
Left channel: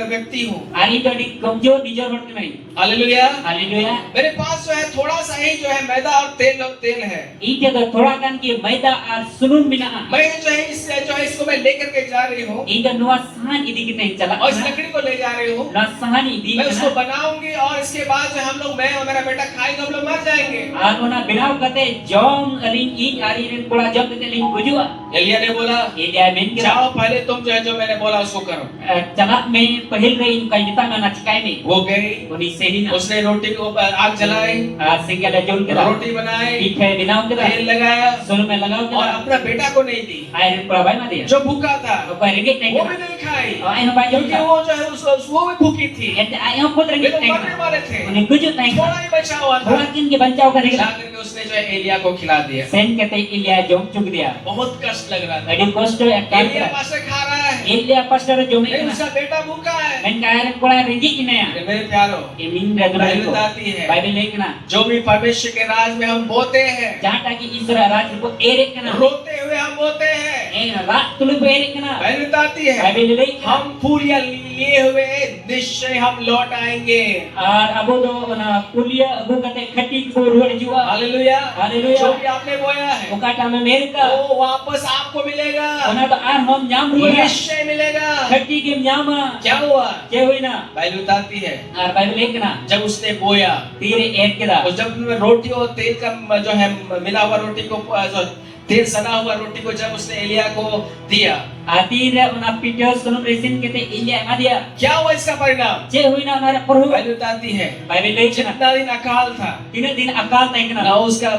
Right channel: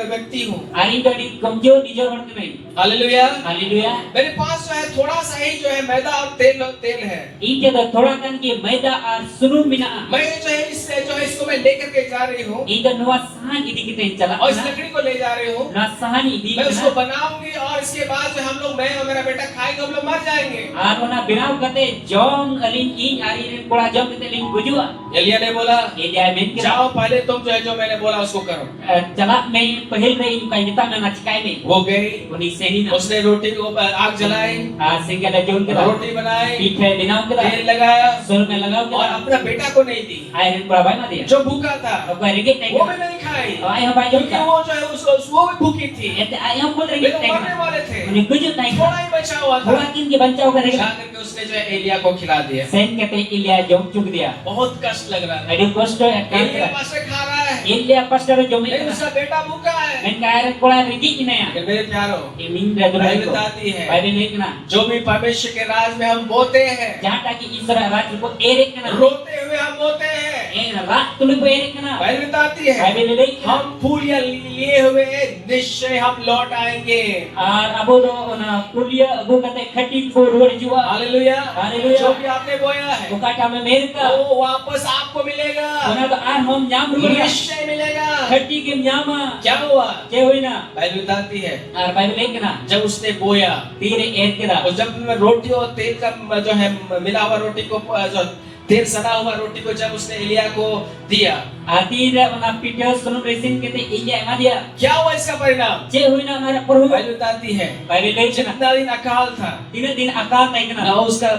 व्यक्ति हूँ। ari do di komjo dijor hort mai hallelujah. haleluya मेरे पास जो है थोड़ा सा ही जो है मैदा और तेल है। ite do thoda kan ki maida ar sunum mina मैं जो है इसको मैं लेकर के जा रही हूँ ite nuwa sahan idi kita chala और इस लकड़ी को ले जा रही हूँ। na sahan idi मैं उसको बनाऊंगी और इसके बाद जो हम लोग मैं और मेरा बेटा खाएंगे, हम लोग मर जाएंगे। ar ona binaw kate jom aling ing ari rin pula jom kate ling gujua Elia ने बोला ite amen kira जाओ पहले तुम जो मैंने बोला उसको करो। chala me pahil re in kai dita na chikai me वो गई, oni sehina उसने रोटी को आग जलाई, sehingga da jom kira रोटी बनाई, ite binaw kira तेल लगाया sunum me lagaw और kira अपना बेटा को नहीं दी ay rin pula bai ma dia जो भूखा था, ko ringgit वो nai भी नहीं खाई ay ha bai jom क्योंकि ka वो जो है वो भी भूखी थी। ete ay ha put वे ringgit तो nai मरने वाले थे, oni gujut nai थोड़ा ही बचा हुआ था। thoda kin ke bancau ka ringgit जाकर के उसने जो है एलिया को खिला दिया। sen kate Elia jom chuk dia बहुत कष्ट लग रहा था। adi kosto ekkan एलिया पास से खा रहा है, Elia pastor jom लेकिन उसका बेटा भूखा है। men kaya pula ringgit ni ya मेरे प्यारो, imin da gula Bible ko बताती है Bible ni kena जो भी परमेश्वर के राज में हम बोते हैं, jahat ki Isra raj ko erek kena रोते हुए हम बोते हैं। rat tulu ko erek kena Bible बताती है Bible ni हम फूल या लिए हुए निश्चय हम लौट आएंगे। ar abo do na kuliah abu kate khati ko ruar jua hallelujah. Haleluya. जो भी आपने बोया है ukata me merka वो वापस आपको मिलेगा, ona to ar hom nyam ruar निश्चय मिलेगा। khati ke nyama क्या हुआ, je hoina बाइबल बताती है ar Bible ni kena जब उसने बोया tire ek keda और जब रोटी और तेल का जो है मिला हुआ रोटी को जो तेल सना हुआ रोटी को जब उसने एलिया को दिया, atire ona pidyo sunum resin kete Elia madia क्या हुआ इसका परिणाम, je hoina ngara perhu Bible बताती है Bible ni kena जितना दिन अकाल था tina din akal tai ना kena उसका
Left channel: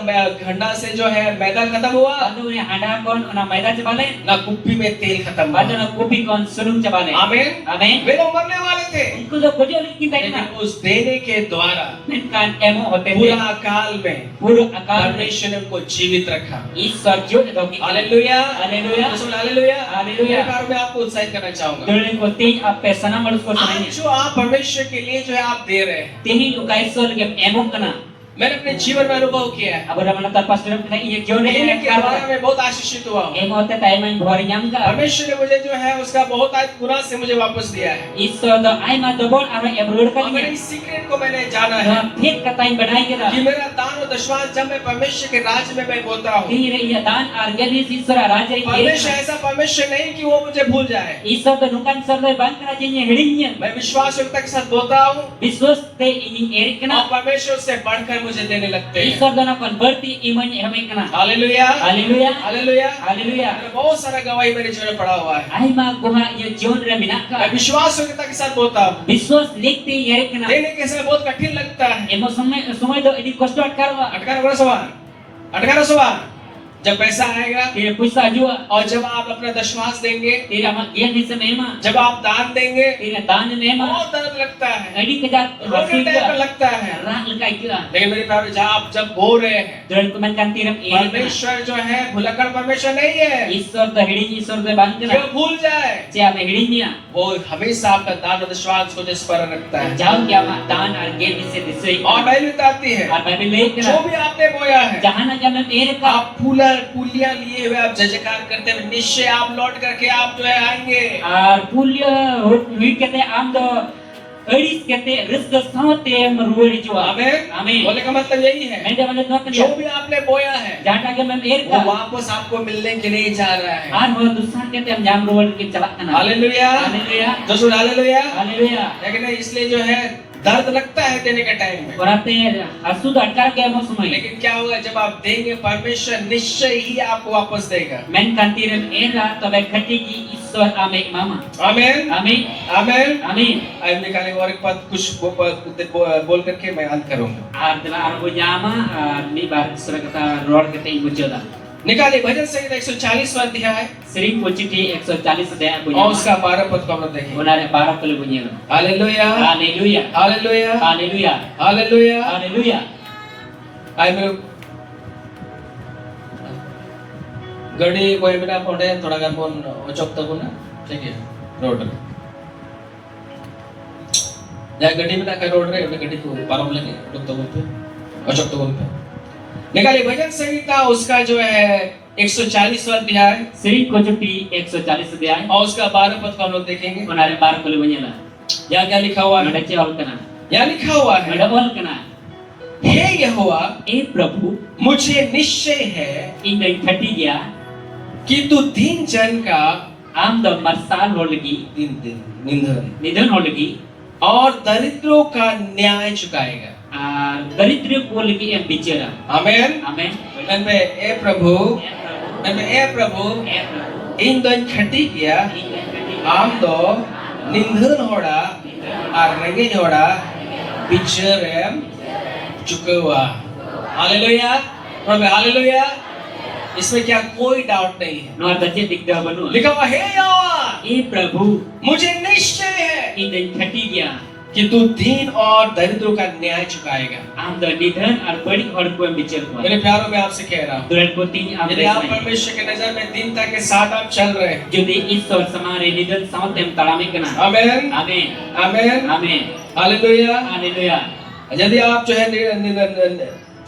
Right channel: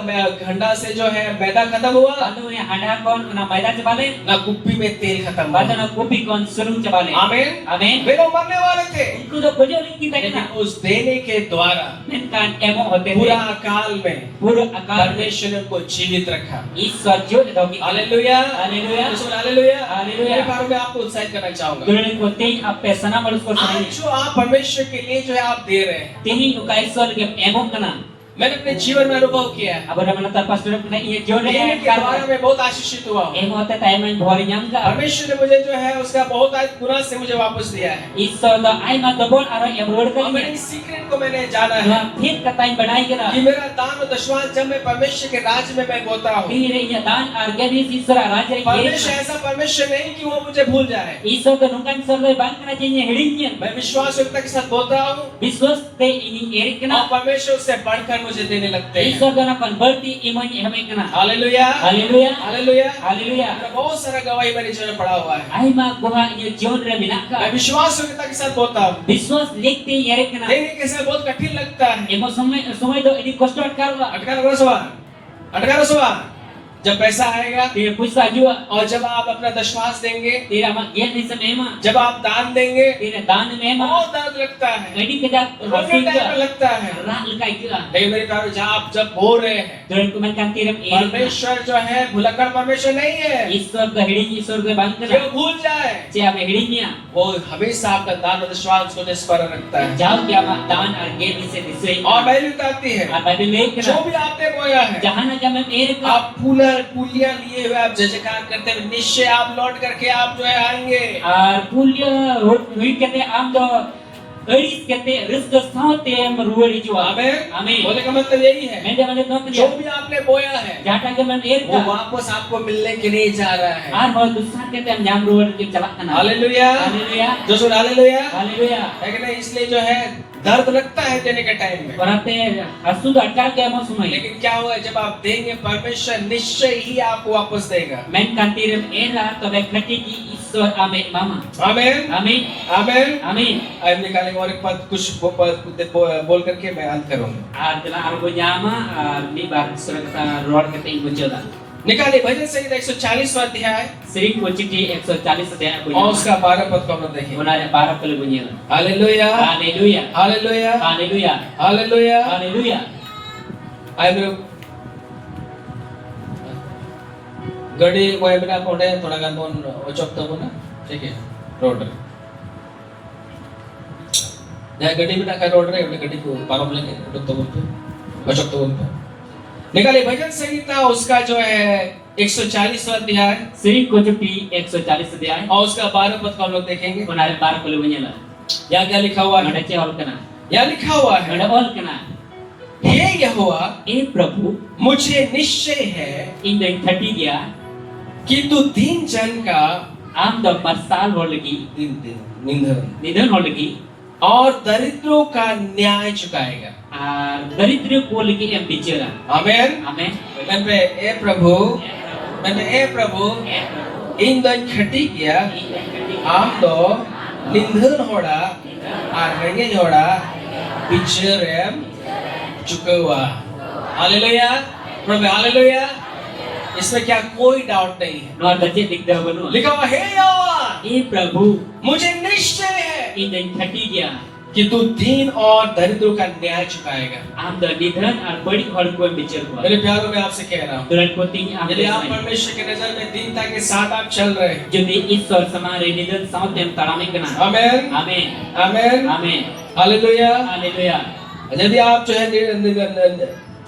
घंटा से जो है मैदा खत्म हुआ, Anu ni handa kon ona maida cebale, ना कुप्पी में तेल खत्म bada हुआ। na kopi kon surung cebale. आमीन। Amen. वे लोग मरने वाले थे, Iku do kojo ni kita लेकिन kena. उस देने के द्वारा Men kan emo hote पूरा te. अकाल में Puro akal me. परमेश्वर ने उनको जीवित रखा। Isa jo do ki. Hallelujah, Haleluya. Hallelujah. Hallelujah. मेरे बारे में आपको उत्साहित करना चाहूंगा। Dulin ko ting ape sana malus ko आज sanai. जो आप परमेश्वर के लिए जो है आप दे रहे हैं, Tihin ko kay sol ke emo kana. मैंने अपने जीवन में अनुभव किया है। Abo naman ta pastor ko na iya jo ne देने के द्वारा kan. मैं बहुत आशीषित हुआ हूँ। Emo te tayo man bhori nyam ka. परमेश्वर ने मुझे जो है उसका बहुत गुना से मुझे वापस दिया है Isa do ay ma dobol aro ebrod और मैंने ka. इस सीक्रेट को मैंने जाना है Na fit ka tayo badai कि kena. मेरा दान और दशमांश जब मैं परमेश्वर के राज्य में मैं बोता हूँ, Tire iya dan argani Isra raja परमेश्वर ऐसा परमेश्वर नहीं कि वो मुझे भूल जाए। Isa to nukan sarloy bangkana jenya hidingnya. मैं विश्वास योग्यता के साथ बोता हूँ Biswas te ini erik और kena. परमेश्वर से बढ़कर मुझे देने लगते हैं। Isa to na converti iman hame kena. Hallelujah, Haleluya. Hallelujah. Haleluya. मैंने बहुत सारा गवाही मेरे जीवन में पड़ा हुआ है। Ay ma guha iya jion re मैं minaka. विश्वास योग्यता के साथ बोता हूँ। Biswas likte erik kena. देने के समय बहुत कठिन लगता है। Emo samay do ini kosto atkarwa. अटकार सवाल जब पैसा आएगा Tira puisa jua. और जब आप अपना दशमांश देंगे, Tira magyan ni sa mema. जब आप दान देंगे, Tira dan mema. बहुत दर्द लगता है, Adi kejap रोने टाइम पे hasil लगता है। rak lekai kira. लेकिन मेरे प्यारे जहाँ आप जब बोल रहे हैं, Dan kumankan tiram ira. परमेश्वर जो है भुलक्कड़ परमेश्वर नहीं है Isor ka hiding isor ka ban जो kira. भूल जाए, Cia me hiding niya. वो हमेशा आपका दान और विश्वास को जिस पर रखता है। Jauh kya mak dan ar gen ni se disui. और बाइबल बताती है, Ar Bible lek जो kira. भी आपने बोया है, Jahan aja me ira ka. आप पुलियां लिए हुए आप जयकार करते हुए निश्चय आप लौट करके आप जो है आएंगे। Ar pulia huit kate am do eris kate rizq saute am ruwari jua. आमीन। Amin. बोले का मतलब यही है, Mende wale no जो kya. भी आपने बोया है Jata ke me ira वो ka. वापस आपको मिलने के लिए जा रहा है। Ar ho dusar kate am jam ruwari ke chalak kana. Hallelujah, Haleluya. जो सुन हालेलुया, Haleluya. है कि नहीं? इसलिए जो है दर्द लगता है देने के टाइम में, Berarti asu atkar ke mo sumai. लेकिन क्या हुआ जब आप देंगे परमेश्वर निश्चय ही आपको वापस देगा। Men kantiram era to be khati ki isor ame mama. आमीन, Amin. आमीन। Amin. अब निकाले और एक पद कुछ बोल करके मैं अंत करूंगा। Ar dila arbo jama ni bar sura kata road kata ibu joda. निकाले भजन संहिता 140वां अध्याय Sering kuciti 140 adaya और punya. उसका 12 पद को हम लोग देखेंगे। Benar para kali punya. Hallelujah, Haleluya. Hallelujah, Haleluya. Hallelujah. Haleluya. आई मेरे गड़ी वो मेरा पौड़े थोड़ा गान बोन ओचोक तब ना ठीक है रोड या गड़ी में का रोड रे गड़ी को पारों लगे ओचोक तब पे ओचोक तब पे निकाले भजन संहिता उसका जो है 140वां अध्याय Sering kuciti 140 adaya. और उसका 12 पद को हम लोग देखेंगे। Benar para kali punya lah. यहाँ क्या लिखा हुआ है? Ada cewek kana. यहाँ लिखा हुआ है, Ada ol kana. हे यहोवा Eh Prabhu, मुझे निश्चय है indai khati dia. कि तू दीन जन का Am do marsal ho lagi. निंदन Nidan ho lagi. और दरिद्रों का न्याय चुकाएगा। Daritri ko lagi yang bicara. आमीन। Amin. मैं पे ए प्रभु, मैं पे ए प्रभु इन दिन खटी किया आम दो निंदन होड़ा और रेंगे होड़ा बिचरेम चुकवा। हालेलुया, प्रभु हालेलुया। इसमें क्या कोई डाउट नहीं है। Nuar baca dikda banu. लिखा हुआ हे यहोवा Eh Prabhu, मुझे निश्चय है indai khati dia. कि तू दीन और दरिद्रों का न्याय चुकाएगा। Am do nidan ar badi hor ko yang bicara ko. मेरे प्यारों में आपसे कह रहा हूँ, Duran ko tini am यदि आप desai. परमेश्वर की नजर में दीनता के साथ आप चल रहे हैं, Jadi isor samare nidan saut tem talame kana. आमीन, Amin. आमीन, Amin. हालेलुया। Haleluya. यदि आप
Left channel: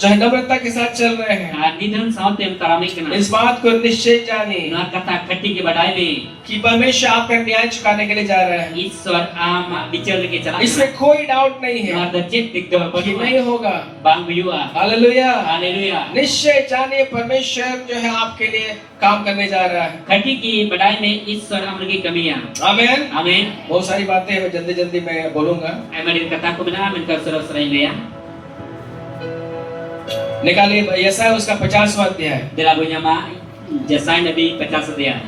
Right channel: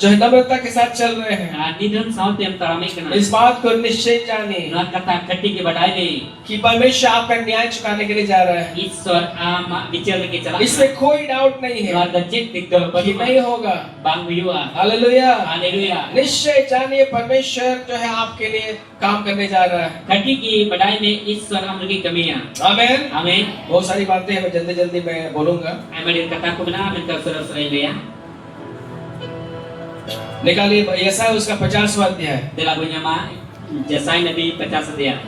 जो है नम्रता के साथ चल रहे हैं, Nidan saut tem talame kana. इस बात को निश्चय जानिए Nuar kata khati ke badai le. कि परमेश्वर आपका न्याय चुकाने के लिए जा रहा है। Isor am bicara lagi chalak. इसमें कोई डाउट नहीं है Nuar baca dikda कि banu. नहीं होगा। Bang buyua. Hallelujah, Haleluya. निश्चय जानिए परमेश्वर जो है आपके लिए काम करने जा रहा है। खटी की बढ़ाई में ईश्वर अमर की कमियां। आमीन। आमीन। बहुत सारी बातें हैं, मैं जल्दी जल्दी मैं बोलूंगा। हमारी कथा को बिना मैं कर सरस रही लिया। निकालिए यशायाह उसका 50वां अध्याय दिला पुnya मा जसाई नबी 50 अध्याय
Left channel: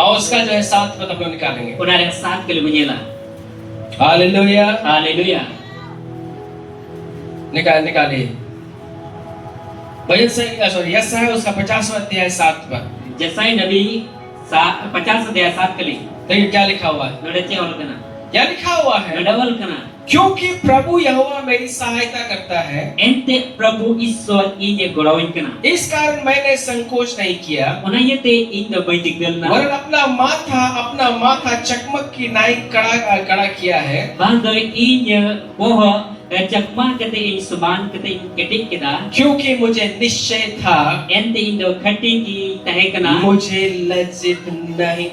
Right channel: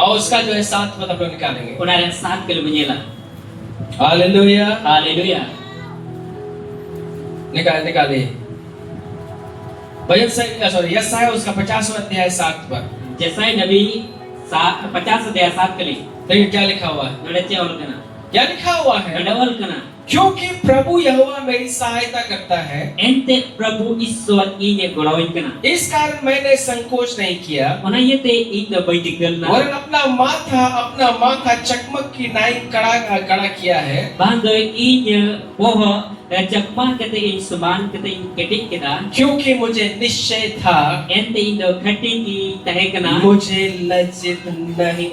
और उसका जो है 7 पद हम लोग निकालेंगे। उन्होंने 7 के लिए ला। Hallelujah, hallelujah. निकालिए भजन संहिता सॉरी यशायाह उसका 50वां अध्याय 7 पद। जसाई नबी 50 अध्याय 7 के लिए देखिए क्या लिखा हुआ है। नड़चे और कना क्या लिखा हुआ है? नडवल कना क्योंकि प्रभु यहोवा मेरी सहायता करता है, एंते प्रभु ईश्वर इने गोड़ाइन कना इस कारण मैंने संकोच नहीं किया। उन्हें इन बैठक दल ना वरन अपना माथा चकमक की नाई कड़ा किया है। बांधो इन वो चकमा कते इन सुमान कते इन केटिक केदा क्योंकि मुझे निश्चय था एंते इन खटी की तहे कना मुझे लज्जित नहीं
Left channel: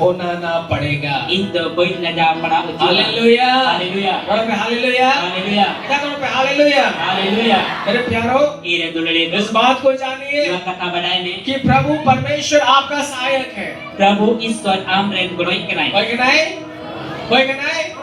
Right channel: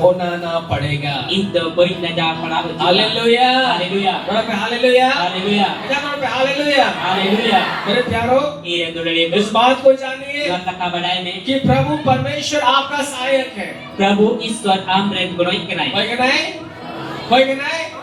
होना ना पड़ेगा। इन कोई न जा पड़ा हालेलुया, हालेलुया, हालेलुया, हालेलुया, क्या करो पे हालेलुया, हालेलुया। मेरे प्यारो इरे दुलड़े इस बात को जानिए कथा बढ़ाए में कि प्रभु परमेश्वर आपका सहायक है। प्रभु ईश्वर आमरेन गोड़ाइन कनाई कोई नहीं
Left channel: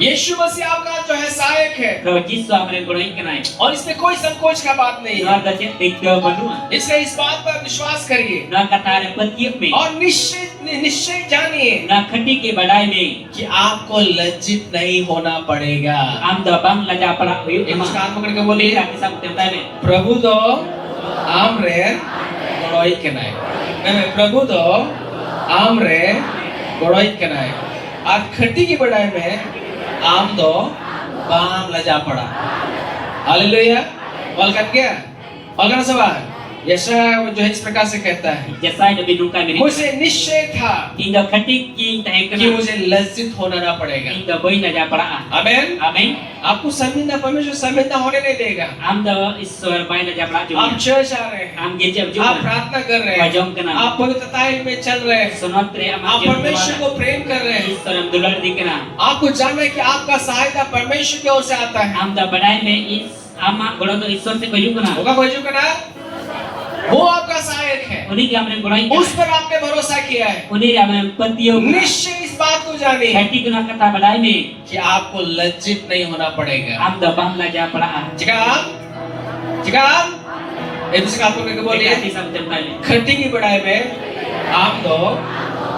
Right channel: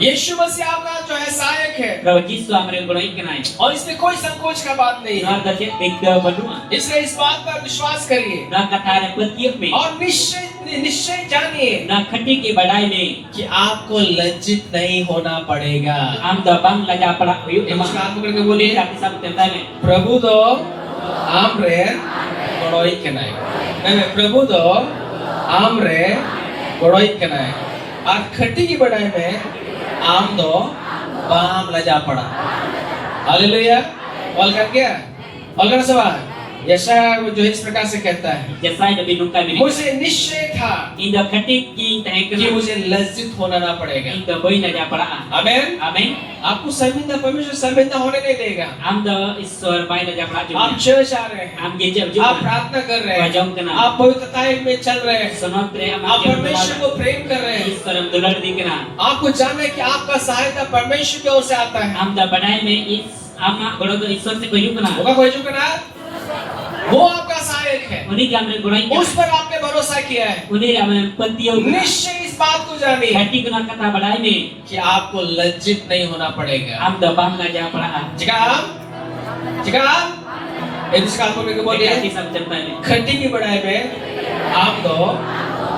यीशु मसीह आपका जो है सहायक है प्रभु यीशु आमरेन गोड़ाइन कनाई और इसमें कोई संकोच का बात नहीं है। नर दचे एक बनुआ इसलिए इस बात पर विश्वास करिए न कथा रे पतियक में और निश्चय निश्चय जानिए na khati ki badai me कि आपको लज्जित नहीं होना पड़ेगा। am da bang laja pala uyuk एक ma मुस्कान पकड़ के बोलिए, ka kisam tentai me प्रभु तो आम रे बड़ोई कनाई। मैं प्रभु तो आम रे बड़ोई कनाई। और खट्टी की बढ़ाई में आम दो बाम लजा पड़ा। हालेलुया। और कर क्या? और करना सवाल। यशाया जो है इस प्रकार से कहता है, jasai nabi nungkai me मुझे निश्चय था inda khati ki tahe कि kana मुझे लज्जित होना ना पड़ेगा। inda boy laja pala आमेन। amen आपको शर्मिंदा परमेश्वर शर्मिंदा होने नहीं देगा। am da iswar bai laja pala आप juga चर्च आ रहे हैं, am gereja आप juga प्रार्थना कर रहे हैं, Wajong kena. आप पवित्रता में चल रहे हैं, sonotre am आप परमेश्वर को प्रेम कर रहे हैं। iswaram dular dikena आपको जानना है कि आपका सहायता परमेश्वर की ओर से आता है। am da badai me is ama golo do iswar se koyu kana होगा कोई जो करना, वो आपका सहायक है, uni ki amre golai उस पर आपने भरोसा किया है। uni ame patio निश्चय इस बात को जानिए khati kuna kata badai me कि आपको लज्जित नहीं होना पड़ेगा। am da bang laja pala जिकाम, जिकाम, एक दूसरे आपको लेके बोलिए, Bolia kisam tentai me खट्टी की बढ़ाई में आप दो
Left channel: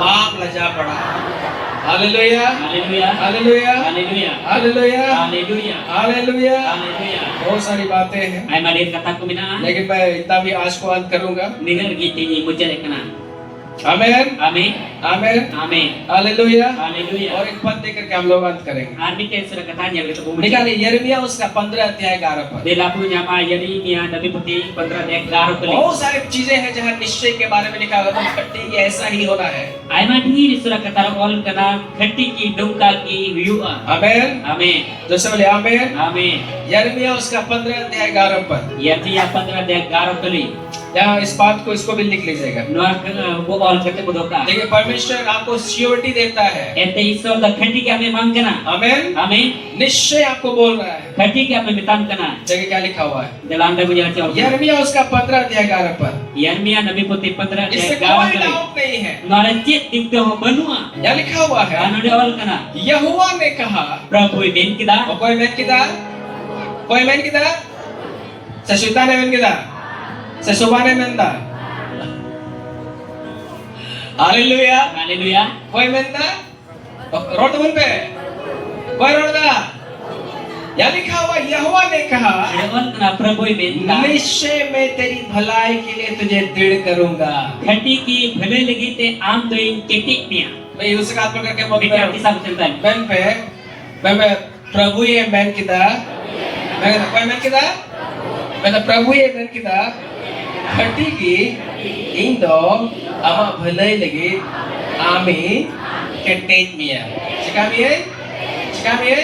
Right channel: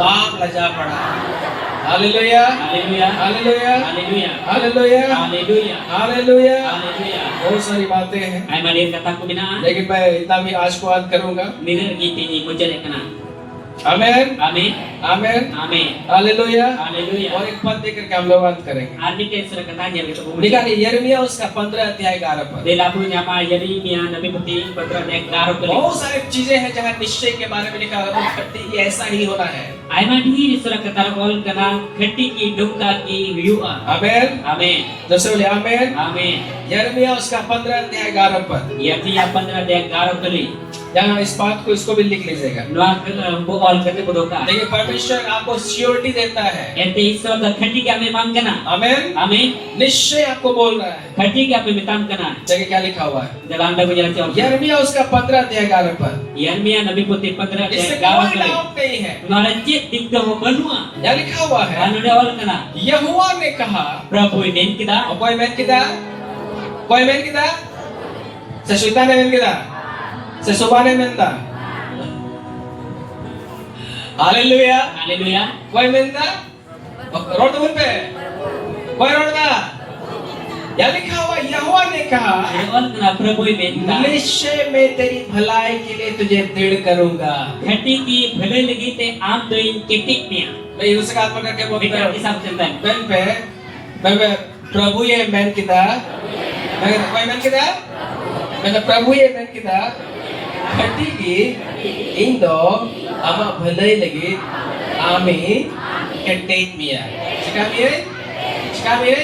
बाप लजा पड़ा। Hallelujah, haleluya hallelujah, haleluya hallelujah, haleluya hallelujah. haleluya बहुत सारी बातें हैं, ai malir kata ku bina लेकिन मैं इतना भी आज को अंत करूंगा। nigar giti ni mucere kana आमेन, amen आमेन, amen हालेलुया। haleluya और एक पद देकर के हम लोग अंत करेंगे। armi te sura kata nya begitu bu निकालिए यिर्मयाह उसका 15 अध्याय 11 पद। de labu nya ma Yeremia nabi putih 15 ayat 11 kali बहुत सारी चीजें हैं जहाँ निश्चय के बारे में लिखा हुआ है, खट्टी की ऐसा ही होना है। ai ma diri sura kata ol kana khati ki dongka ki huyua आमेन, amen जैसे बोले आमेन। amen यिर्मयाह उसका 15 अध्याय 11 पद। Yeremia 15 ayat 11 kali यहाँ इस बात को इसको भी लिख लीजिएगा। nuar bu ol kate bodoka देखिए परमेश्वर आपको सियोरिटी देता है। ente isor da khati ki ame mang kana आमेन, amen निश्चय आपको बोल रहा है। khati ki ame mitam kana जगह क्या लिखा हुआ है? dalam da bujala chau यिर्मयाह उसका 15 अध्याय 11 पद। Yeremia nabi putih 15 इससे ayat 11 कोई kali डाउट नहीं है, nuar cit dikto benua यहाँ लिखा हुआ है, anu da ol kana यहोवा ने कहा। prabu ben kita और कोई मैन किदा, कोई मैन किदा, sesuatu ने मैन किदा, sesuatu ने मैन दा। हालेलुया। haleluya कोई मैन दा, रोड मुन पे, कोई रोड दा। यहाँ लिखा हुआ यहोवा ने कहा, ol kana prabu ben kita निश्चय मैं तेरी भलाई के लिए तुझे दृढ़ करूंगा। khati ki bhale lagi te am doin ketik mia मैं उसका हाथ पकड़ के बोलता kita हूँ, kisah tentai मैन पे, मैं प्रभु ये मैन किदा, मैं कहता कोई मैन किदा, मैं तो प्रभु ये मैन किदा, खट्टी की इंदो अमा भलाई लगी आमी कंटेट मिया। चिकामी है,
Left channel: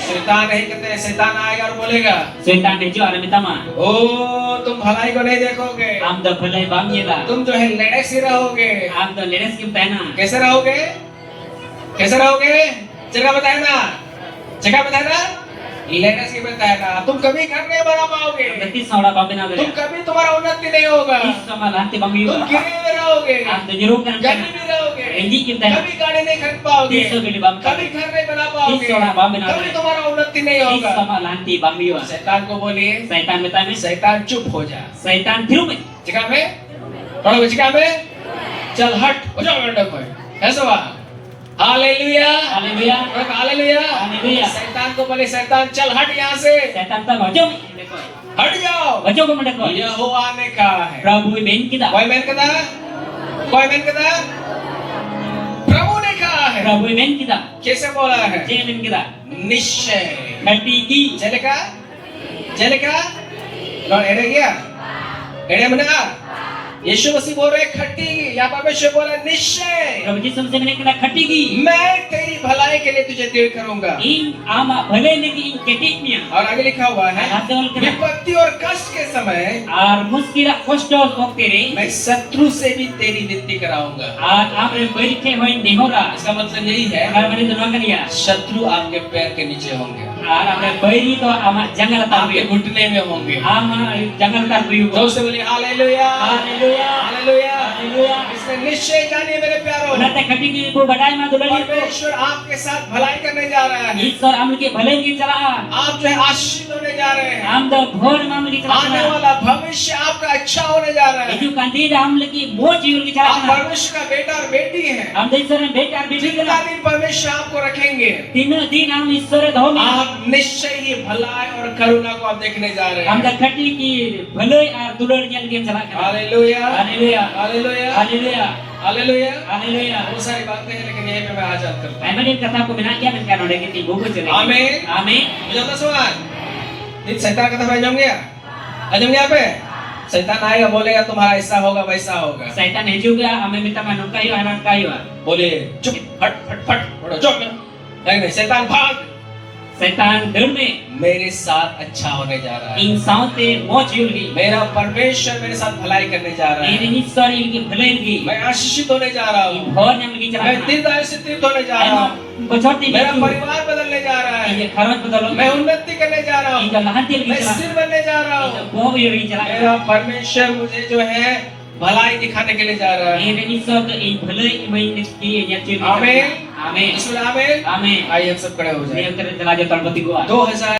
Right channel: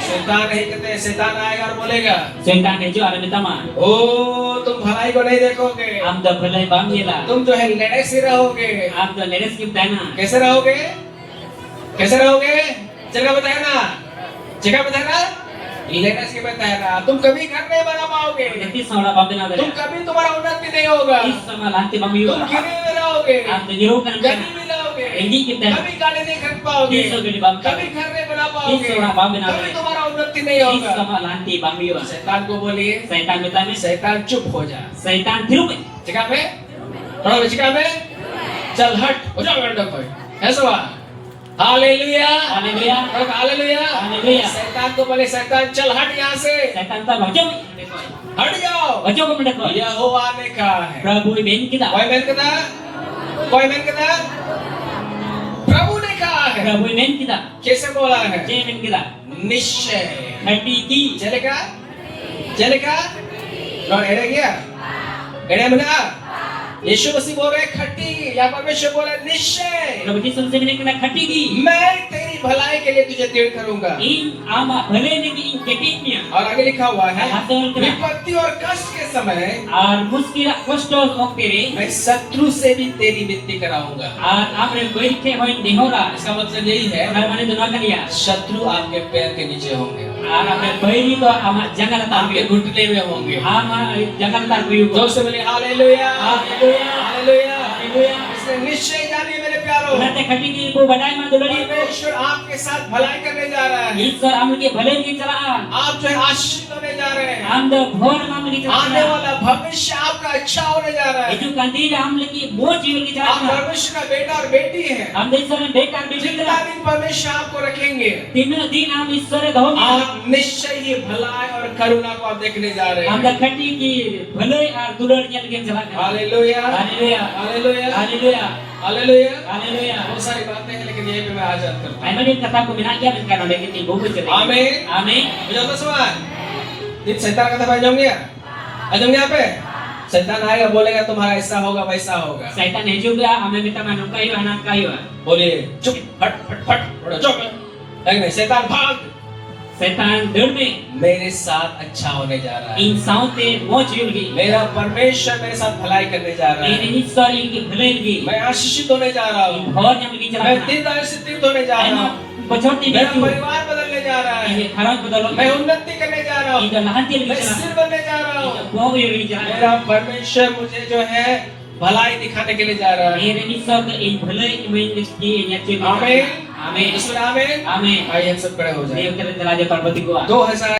शैतान नहीं कहते, शैतान आएगा और बोलेगा, setan hejo ara mitama ओ तुम भलाई को नहीं देखोगे, am da bhalai bam yela तुम जो है लेड़े से रहोगे। am da leres kim taina कैसे रहोगे? कैसे रहोगे? जगह बताया ना, जगह बताया ना, लेने से बताया ना, तुम कभी घर नहीं बना पाओगे, gati saura bam bina तुम da कभी तुम्हारा उन्नति नहीं होगा, is sama lanti bam तुम yu गिरे में रहोगे, am da jero kan गरीब में रहोगे, Hindi kim taina कभी गाड़ी नहीं खरीद पाओगे, is so gidi bam कभी घर नहीं बना is पाओगे, saura bam bina कभी तुम्हारा उन्नति नहीं is होगा। sama lanti bam yu शैतान को बोलिए, setan mitame शैतान चुप हो जा। setan thiru me जगह में, थोड़ा जगह में, चल हट, हो जाओ बेटा कोई, ऐसा हुआ। Hallelujah, haleluya hallelujah. haleluya शैतान को बोले, शैतान चल हट यहाँ से, setan ta bajo हट जाओ। bajo ko mendeko यहोवा ने कहा है। prabu ben kita कोई मैन कहता, कोई मैन कहता, प्रभु ने कहा है। prabu ben kita कैसे बोला है? je ben kita निश्चय। khati ki चलेगा, चलेगा, लो एड़े गया, एड़े मना। यीशु मसीह बोल रहे खट्टी, यहाँ परमेश्वर बोला निश्चय prabu jesus se ben kita khati ki मैं तेरी भलाई के लिए तुझे दृढ़ करूंगा। in ama bhale lagi in ketik mia और आगे लिखा हुआ है, hasil kena विपत्ति और कष्ट के समय ar muskila kosto oktere मैं शत्रु से भी तेरी विनती कराऊंगा। ar amre berike hoin dihora इसका मतलब यही है, ar mane dunga kania शत्रु आपके पैर के नीचे होंगे, ar amre beri to ama jangan आपके tahu घुटने में होंगे। ama jangan tahu जोर से बोले hallelujah, haleluya hallelujah. haleluya Haleluya. इसलिए निश्चय जानिए मेरे प्यारों, Unate khatiki ibu badai ma dulari ibu. परमेश्वर आपके साथ भलाई करने जा रहा है। Ishwar amliki bhalai ngi chalaa. आप जो है आशीषित होने जा रहे हैं। Am da ghor ma amliki आने chalaa. वाला भविष्य आपका अच्छा होने जा रहा है। Iju kandir amliki moj ilki आप chalaa. परमेश्वर का बेटा और बेटी हैं। Am da Ishwar beta ar beti जितना kara. दिन परमेश्वर आपको रखेंगे, Tino din am Ishwar dhomi. आप निश्चय ही भलाई और करुणा को आप देखने जा रहे Am da हैं। khatiki bhalai ar dulari nyal gi chalaa. Hallelujah, Haleluya. Hallelujah, Haleluya. Hallelujah. Haleluya. बहुत सारी बातें हैं, लेकिन यहीं पे मैं आज करता हूँ। Aiman din kata ko binagyan min kanon dagiti ibu ko chalaa. Amen. Amen. मुझे तो सवाल, दिन शैतान का तरफ आ जाऊंगे यहाँ पे। शैतान आएगा, बोलेगा तुम्हारा ऐसा होगा वैसा होगा। Satan hijau ya, ame minta manung kayu anak kayu. बोलिए चुप, फट फट फट, बोलो चुप। नहीं, शैतान भाग, Satan derme, मेरे साथ अच्छा होने जा रहा है। ing saute moj ilgi. मेरा परमेश्वर मेरे साथ भलाई करने जा रहा है। Ini Ishwar ilgi bhalai ilgi. मैं आशीषित होने जा रहा हूँ। Bhor nyam ilgi मैं chalaa. दीर्घायु से तीर्थ होने जा रहा हूँ। Bachorti मेरा bisu. परिवार बदलने जा रहा है। Ini kharaj badalo. मैं उन्नति करने जा रहा हूँ। Ing lahanti ilgi मैं chalaa. सिर बनने जा रहा हूँ। Boh ilgi chalaa. मेरा परमेश्वर मुझे जो है भलाई दिखाने के लिए जा रहा है। Ini Ishwar ke ing bhalai main ilgi nya ciri. आमीन। Amin. आमीन। Amin. आइए हम सब खड़े हो जाएं। Dia kira telaja talbati gua. 2000